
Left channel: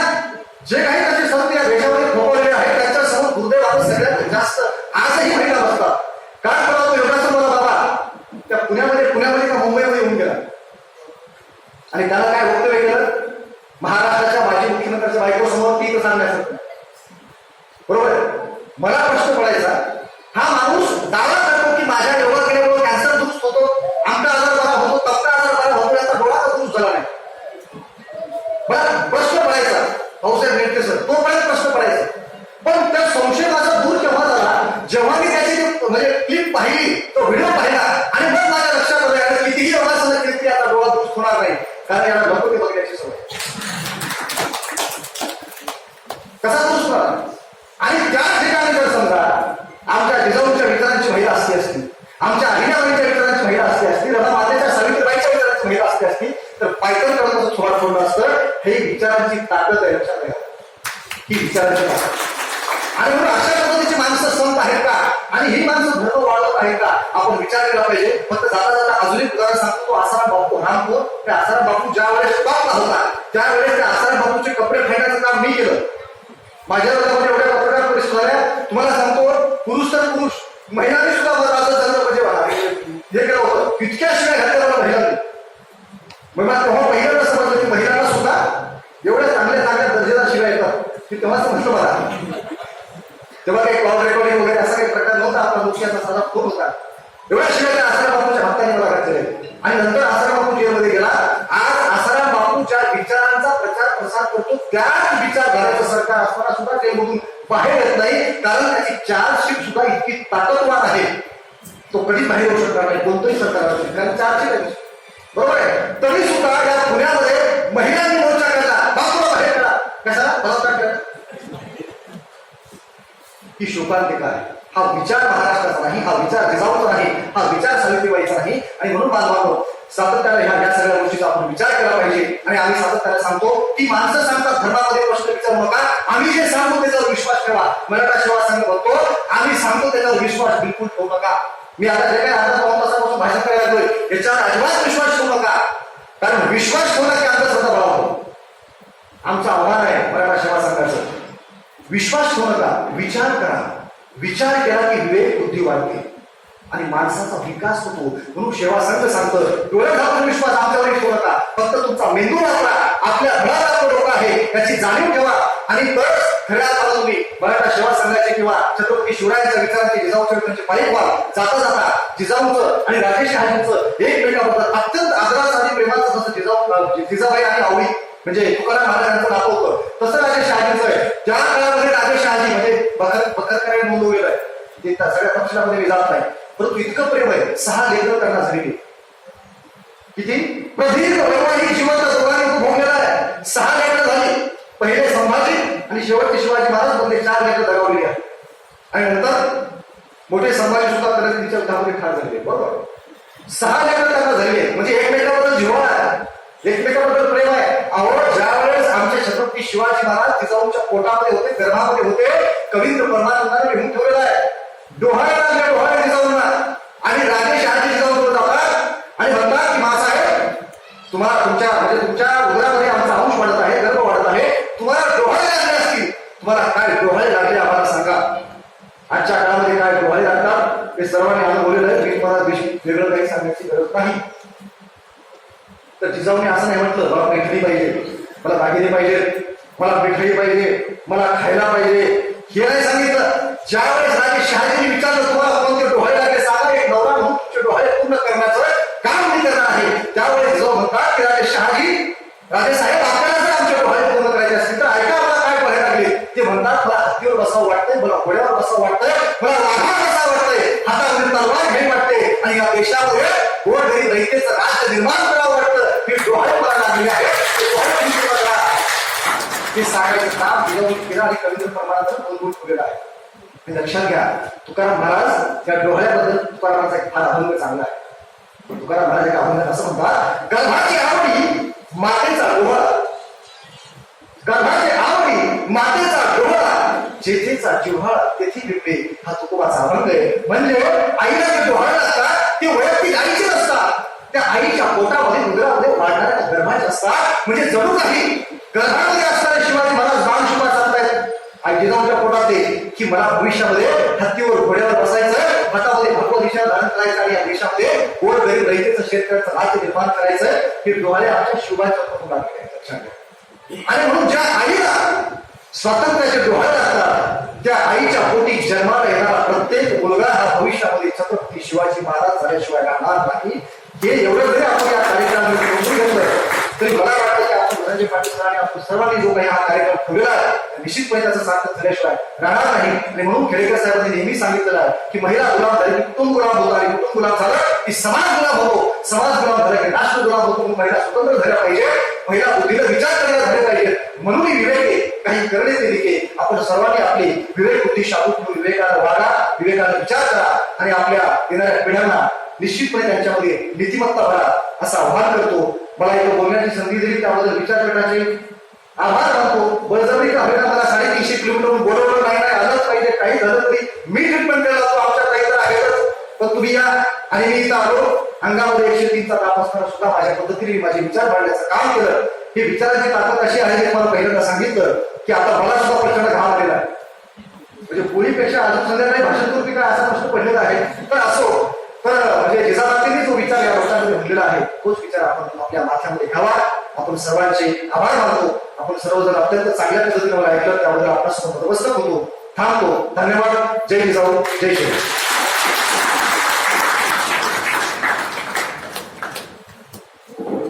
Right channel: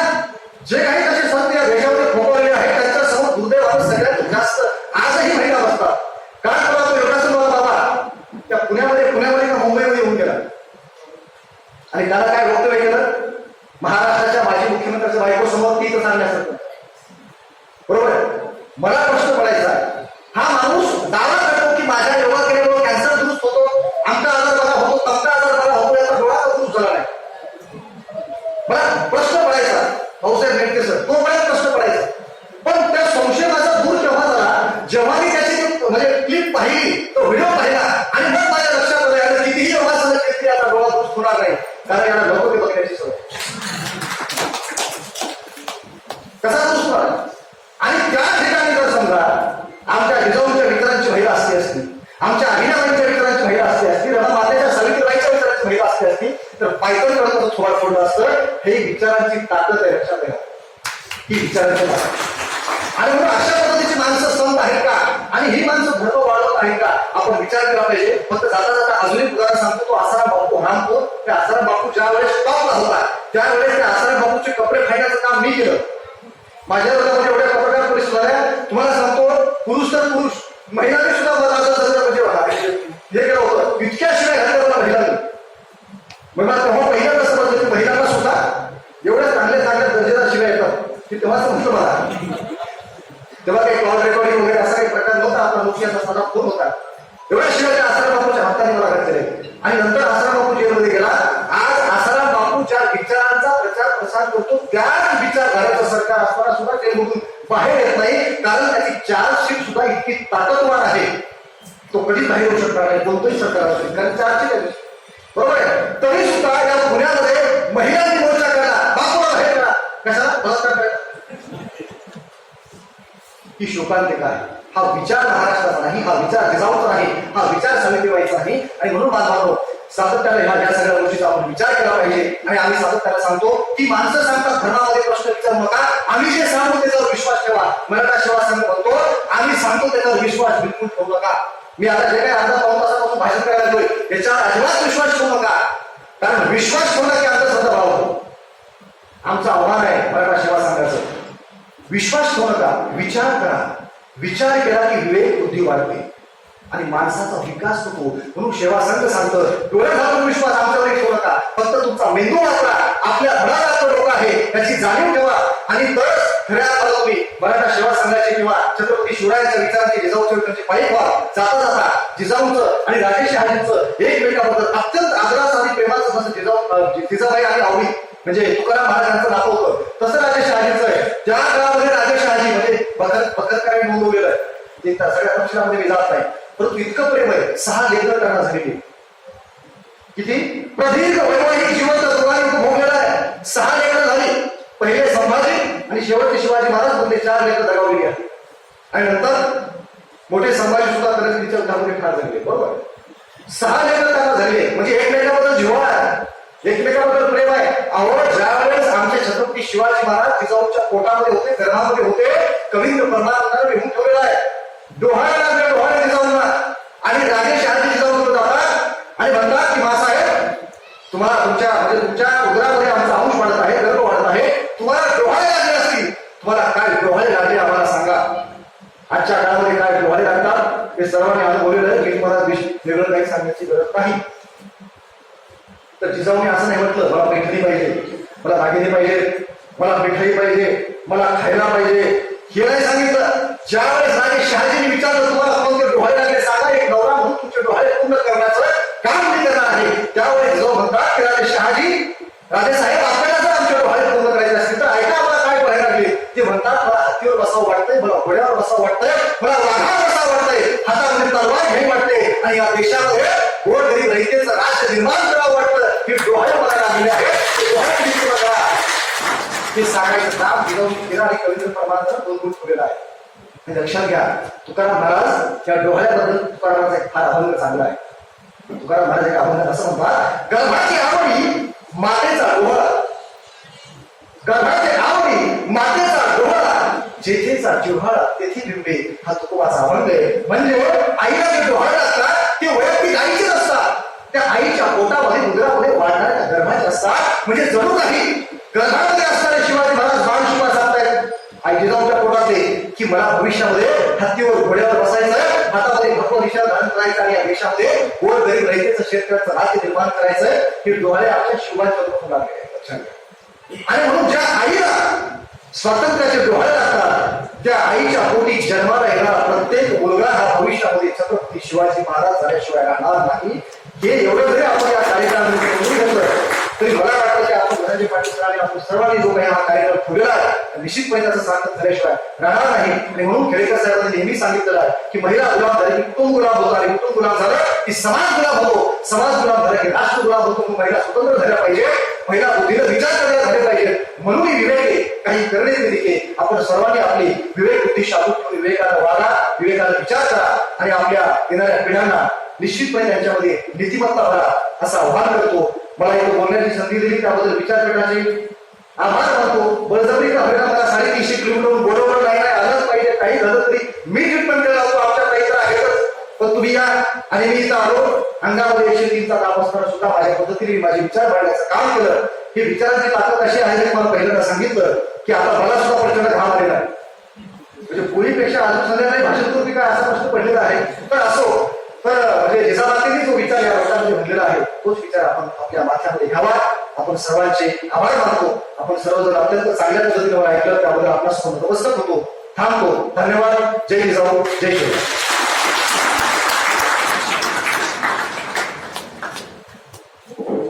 जे काही तसे संत या देशामध्ये फोपवलेले आहेत त्यांच्या समोर दुर्दैवानं सगळ्यात जास्त आजही महिला बसतात. काय परवा तो योगासन मला बाबा त्या पुण्यामध्ये का मुंबईमध्ये येऊन गेला आणि त्याला काय वक्तव्य केलं? महाराष्ट्राच्या माजी मुख्यमंत्र्यांच्या बायकोसमोर ती तर सांगण्यासारखं, बरोबर आहे. मला प्रश्न पडायचा, हा माणूस दावा करतो की माझ्या योगा केल्यामुळे कॅन्सर दुरुस्त होतो, आमचा आजार बरा होतो, तमका आजार बरा होतो, याचा डोळा तर दुरुस्त झाला नाही. मला प्रश्न पडायचा भाऊसाहेब नेटके सर, तोपर्यंत प्रश्न पडायचा. पण त्या संशय माझा दूर केव्हा झाला? जेव्हा मी त्याची म्हणजे क्लिप पाहिली, तो व्हिडिओ पाहिला आणि मग माझ्या लक्षात आलं कितीही योगासनं केली की आता डोळा दुरुस्त होणार नाही, कारण याला नको ते बघण्याची सवय. कसा दुरुस्त होणार? आणि त्या ठिकाणी जर समजा आमच्या जिजाऊंच्या विचारांची महिला असती, आमच्या अहिल्याबाईंच्या विचारांची महिला असती, रमा मातेच्या सावित्रीबाईंच्या विचारांची महिला असती, तर पायथन कडून थोडं फोडलं असतं. हे विचारांची ताकद आहे. लक्षात घ्या, ही विचारांची ताकद. आणि म्हणून अशा पद्धतीची माणसं संत आहेत का आणि ही माणसं धर्म वाढवत आहेत का आपण विचार केला पाहिजे. फक्त जाता जाता अजून एक उदाहरण सांगतो. तो आसाराम बापू रामपूर, त्या आसाराम बापू ज्या वेळेस टॉपला होता त्यावेळेस त्या आसाराम बापूचे कपडे फायण्याचं काम मी केलं. माझ्या वर्गामध्ये एवढ्या पत्रकार परिषद झाल्या तुम्हाला सांगतो. पुरुष तर पुरुष, महिलांनी सुद्धा माझं सगळं म्हणजे हे केलं होतं. इतक्या शिवाय घातल्या मला महिलांनी. मग मला तेव्हा पहिल्यांदा समजलं की महिलांना सुद्धा एवढ्या चांगल्या चांगल्या दर्जेदार शिवाय येतात की तेव्हा समजलं मला. तेव्हा काही कॉल रेकॉर्डिंग वगैरे असा काही प्रकार नव्हता. आपला मुखियाचा साधा फोन होता. एवढ्या शिवाय त्या आसाराम बापूच्या हप्त्याने मला घातलेले. आणि नंतर आसाराम बापू जेलमध्ये गेला. आज आसाराम बापू ज्या विचारांचा प्रचार प्रसार करतो त्याच विचारधारेचं सरकार असताना सुद्धा जेलमधून बाहेर येत नाही. कारण त्याची चार्जशीट सुद्धा इतकी ताकदवार आहे तो कधीच बाहेर येऊ शकणार नाही कोणतंही सरकार असेल. कारण चार्जशीट आहे बरोबर आहे. तरी सुद्धा या पुण्यामध्ये महिलांनी मोर्चा काढला. बापूला बाहेर काढा. कशाला? बलात्कार करायला. ही शोकांतिका आहे. हा विचार महाराष्ट्राचा नाही, हा विचार जिजाऊचा नाही, हा विचार सावित्रीबाईचा नाही. आणि म्हणून बांधवांनो सातत्याने ह्या सगळ्या गोष्टीचा आपण विचार केला पाहिजे. आणि आम्ही सातत्याने सांगतो की माणसं सांगतात धर्मामध्ये प्रश्न विचारू नका, आम्ही जे सांगतो त्याच्यावर विश्वास ठेवा. मराठा सेवा संघ म्हणतो आम्ही सांगतो त्याच्यावर विश्वास बिलकुल ठेवू नका. मी आता जे काही अर्धा पाऊण तासापासून भाषण करायला लागलोय याच्यावर अजिबात विश्वास ठेवू नका. कारण विश्वास ठेवला की अंधश्रद्धा बळावतो. आमचं आव्हान आहे मराठा सेवा संघाचं. विश्वास ठेवू नका, विचार करा. विचार केला की विवेक बुद्धी वाढते आणि माणसाचा विकास होतो. म्हणून सेवा संघ सांगतं डोळे झाकून विश्वास आमच्यावर ठेवू नका. फक्त तुमचा मेंदू वापरा. आपल्या धडाला डोकं आहे याची जाणीव ठेवा. आणि तर खऱ्या अर्थानं तुम्ही मराठा सेवा संघाचे किंवा छत्रपती शिवरायांच्या विचारांचे जिजाऊ चरित्रांचे पायी व्हाल. जाता जाता जिजाऊंचं आणि राजेश शहाजींचं एकमेकाबद्दल अत्यंत आदराचं आणि प्रेमाचं जसं जिजाबाई आणि आवडी म्हणजे तुकाराम महाराजांचं नातं होतं तसं राजेश शहाजींचं आहे. ज्या काळामध्ये राजेश शहाजी म्हणजे बखरकरांनी नोंदवलेलं आहे ते सगळ्या तपशिलामध्ये मी जात नाही. परंतु इतकं प्रेम आहे. 6 लेकरं त्यांना झालेली. किती प्रदीर्घ वैवाहिक जीवन दोघांनी उपभोगलेला आहे. 6 लेकरं झाली. पहिले संभाजी आणि शेवटचे शिवाजी महाराज बनले. 4 लेकरं दगावलेली आहेत. आणि नंतर मोठे संभाजी सुद्धा परिस्थितीच्या युद्धामध्ये ठार झाले. बरोबर 6 लेकरं त्यांना झाले. म्हणजे एकमेकाबद्दल जिव्हाळा आहे, एकमेकाबद्दल प्रेम आहे. अहो ज्या वेळेस आमचे छत्रपती शिवाजी महाराज जिजाऊच्या पोटामध्ये होते, गर्भामध्ये होते, कवींद्र परमानंदाने लिहून ठेवलेला आहे डोहाळे लागले डोहाळे जिजाऊंना. आणि राजे शहाजी जिजाऊंकडे जातात आणि म्हणतात की मासाहेब तुम्हाला तुमच्या उदरामध्ये आमचा अंश वाढत आहे, गर्भ वाढत आहे, तुम्हाला डोहाळे लागले असतील, तुम्हाला काय डोहाळे लागले आम्हाला सांगा. आजच्या काळामध्ये काय डोहाळे लागतात हे सर्वांनी अनुभवलेलं आहे. मी तुम्हाला वेगळं काही सांगण्याची गरज नाही. तर जिजाऊने असं नाही म्हटलं मला पैठणी पाहिजे, मला दागिने पाहिजे, मला मिठाई पाहिजे, मला खायला पाहिजे, हे नाही सांगितलं. ज्यावेळेस राजे शहाजींनी विचारलं तुम्हाला कोणते डोहाळे लागले सांगा, एक नवरा म्हणून तुमचे डोहाळे पूर्ण करण्याचं काम मी करणार आहे. त्यावेळेस जिजाऊ म्हणतात की राजे साहेब आपल्याला जर आमचे डोहाळे पूर्ण करायचे असतील तर ऐका मला काय डोहाळे लागले. ते म्हणतात मला हत्तीवर बसावं वाटतंय, मला घोड्यावर बसावं वाटतंय, मला वाघावर बसावं वाटतंय, हातामध्ये तलवार घ्यावी वाटते आणि या देशामध्ये गोरगरीब रयतेचं राज्य निर्माण करावं वाटतं. हे डोहाळे मला लागलेले आहेत. हे सांगायचं काम जिजाऊंनी केलं आणि कवींद्र परमानंदाने नोंदवून ठेवलेलं आहे. आणि लक्षात घ्या तुकाराम महाराज या डोहाळ्याबद्दल तुकारामाचा एक फार अभंग चांगला आहे. तुकाराम महाराज एक अभंगात असं म्हणतात गर्भाची आवडी मातेचा डोळा, गर्भाची आवडी मातेचा डोळा, जेथेचा जिव्हाळा तेथे बिंबे. हा तुकोबाचा अभंग आहे. म्हणजे आईला जे डोहाळे लागतात ते वैयक्तिक आईचे नसतात, त्या आईच्या पोटामध्ये उदरामध्ये वाढणाऱ्या गर्भाचे असतात. म्हणजे जणू काही गर्भामध्ये असणारे शिवाजी महाराज बाण शिवा सांगतायत आई जिजाऊंच्या पोटात ते की मला भविष्यामध्ये हत्तीवर घोड्यावर बसायचंय, हातामध्ये भगवा दिशा धारण करायचं आणि या देशामध्ये गोरगरीब रयतेचं शेतकऱ्याचं राज्य निर्माण करायचंय. हे डोहाळे आमच्या शिवाच्या पोटात लागले आहेत. लक्षात घ्या. आणि म्हणून ज्या आईला स्वातंत्र्याचे डोहाळे लागतात त्या आईच्या पोटी जन्माला येणारा प्रत्येक मुलगा हा भविष्यामध्ये छत्रपती शिवाजी महाराज झाल्याशिवाय राहणार नाही. हे एवढं जरी आपण या कार्यक्रमामध्ये समजून घेतलं तरी मला वाटतं की आपण धनंजय पाटील सरांनी आपण सर्वांनी जो काही हा कार्यक्रम ठेवलेला आहे निश्चितपणे त्याचं सार्थक झाल्याशिवाय राहणार नाही. आणि म्हणून खेडेकर साहेबांनी नेहमी सांगितलेलं आहे की महिला गुलाम झाली की कुटुंब गुलाम होतो आणि कुटुंब गुलाम झालं की समाज गुलाम होतो, समाज गुलाम झाला की राष्ट्र गुलाम होतो. म्हणून महिला स्वतंत्र झाल्या पाहिजे, महिला बुद्धीनं विचार करायला झाले पाहिजे. म्हणून विवेके काही करणे दिले आपण सर्वांनी आपली विवेक बुद्धी शाबूत ठेवून विवेकानं वागा, विवेकानं विचार करा आणि आपल्या येणाऱ्या पिढ्यांना निश्चितपणे त्यांच्यामध्ये नीतिमत्ता भरा असं आवाहन करतो. मला इथं बोलण्याची संधी दिली त्याबद्दल विचार करण्याचे आभार मानतो. बळजबरी का होईना मला 350 किलोमीटर बोलवलं नाही आलंच पाहिजे. काही झालं तरी मी ट्रीटमेंट करायला लागतो. आमच्या काही तर आहेतच, पण तुम्ही या. आणि मी इथं आलो. अंगामध्ये 103चा ताप असताना सुद्धा माझ्या पद्धतीने माझे विचार मांडण्याचं काम केलं. ही विचारांची ताकद अशी आहे, मी मला पहिल्यांदा सांगितलं की आता मला सुद्धा प्रचंड घाम आलेला आहे. म्हणजे पोळीपेक्षा अजून संध्याकाळी भाषण करू की काय असा प्रश्न पडलेला आहे. तर असो, तर म्हणजे जिजाबाईंनी जो विचार या लोकांमध्ये म्हणलेला आहे तोच विचार आपण आपल्या माथ्यामध्ये घ्यावा. आपण सर्वांचे आभार मानतो. आपण सर्वजण अत्यंत चांगल्या पद्धतीने मला ऐकलं, त्याबद्दल आपल्यासमोर नतमस्तक होतो. थांबतो. धन्यवाद. जय जिजाऊ, जय शिवराय.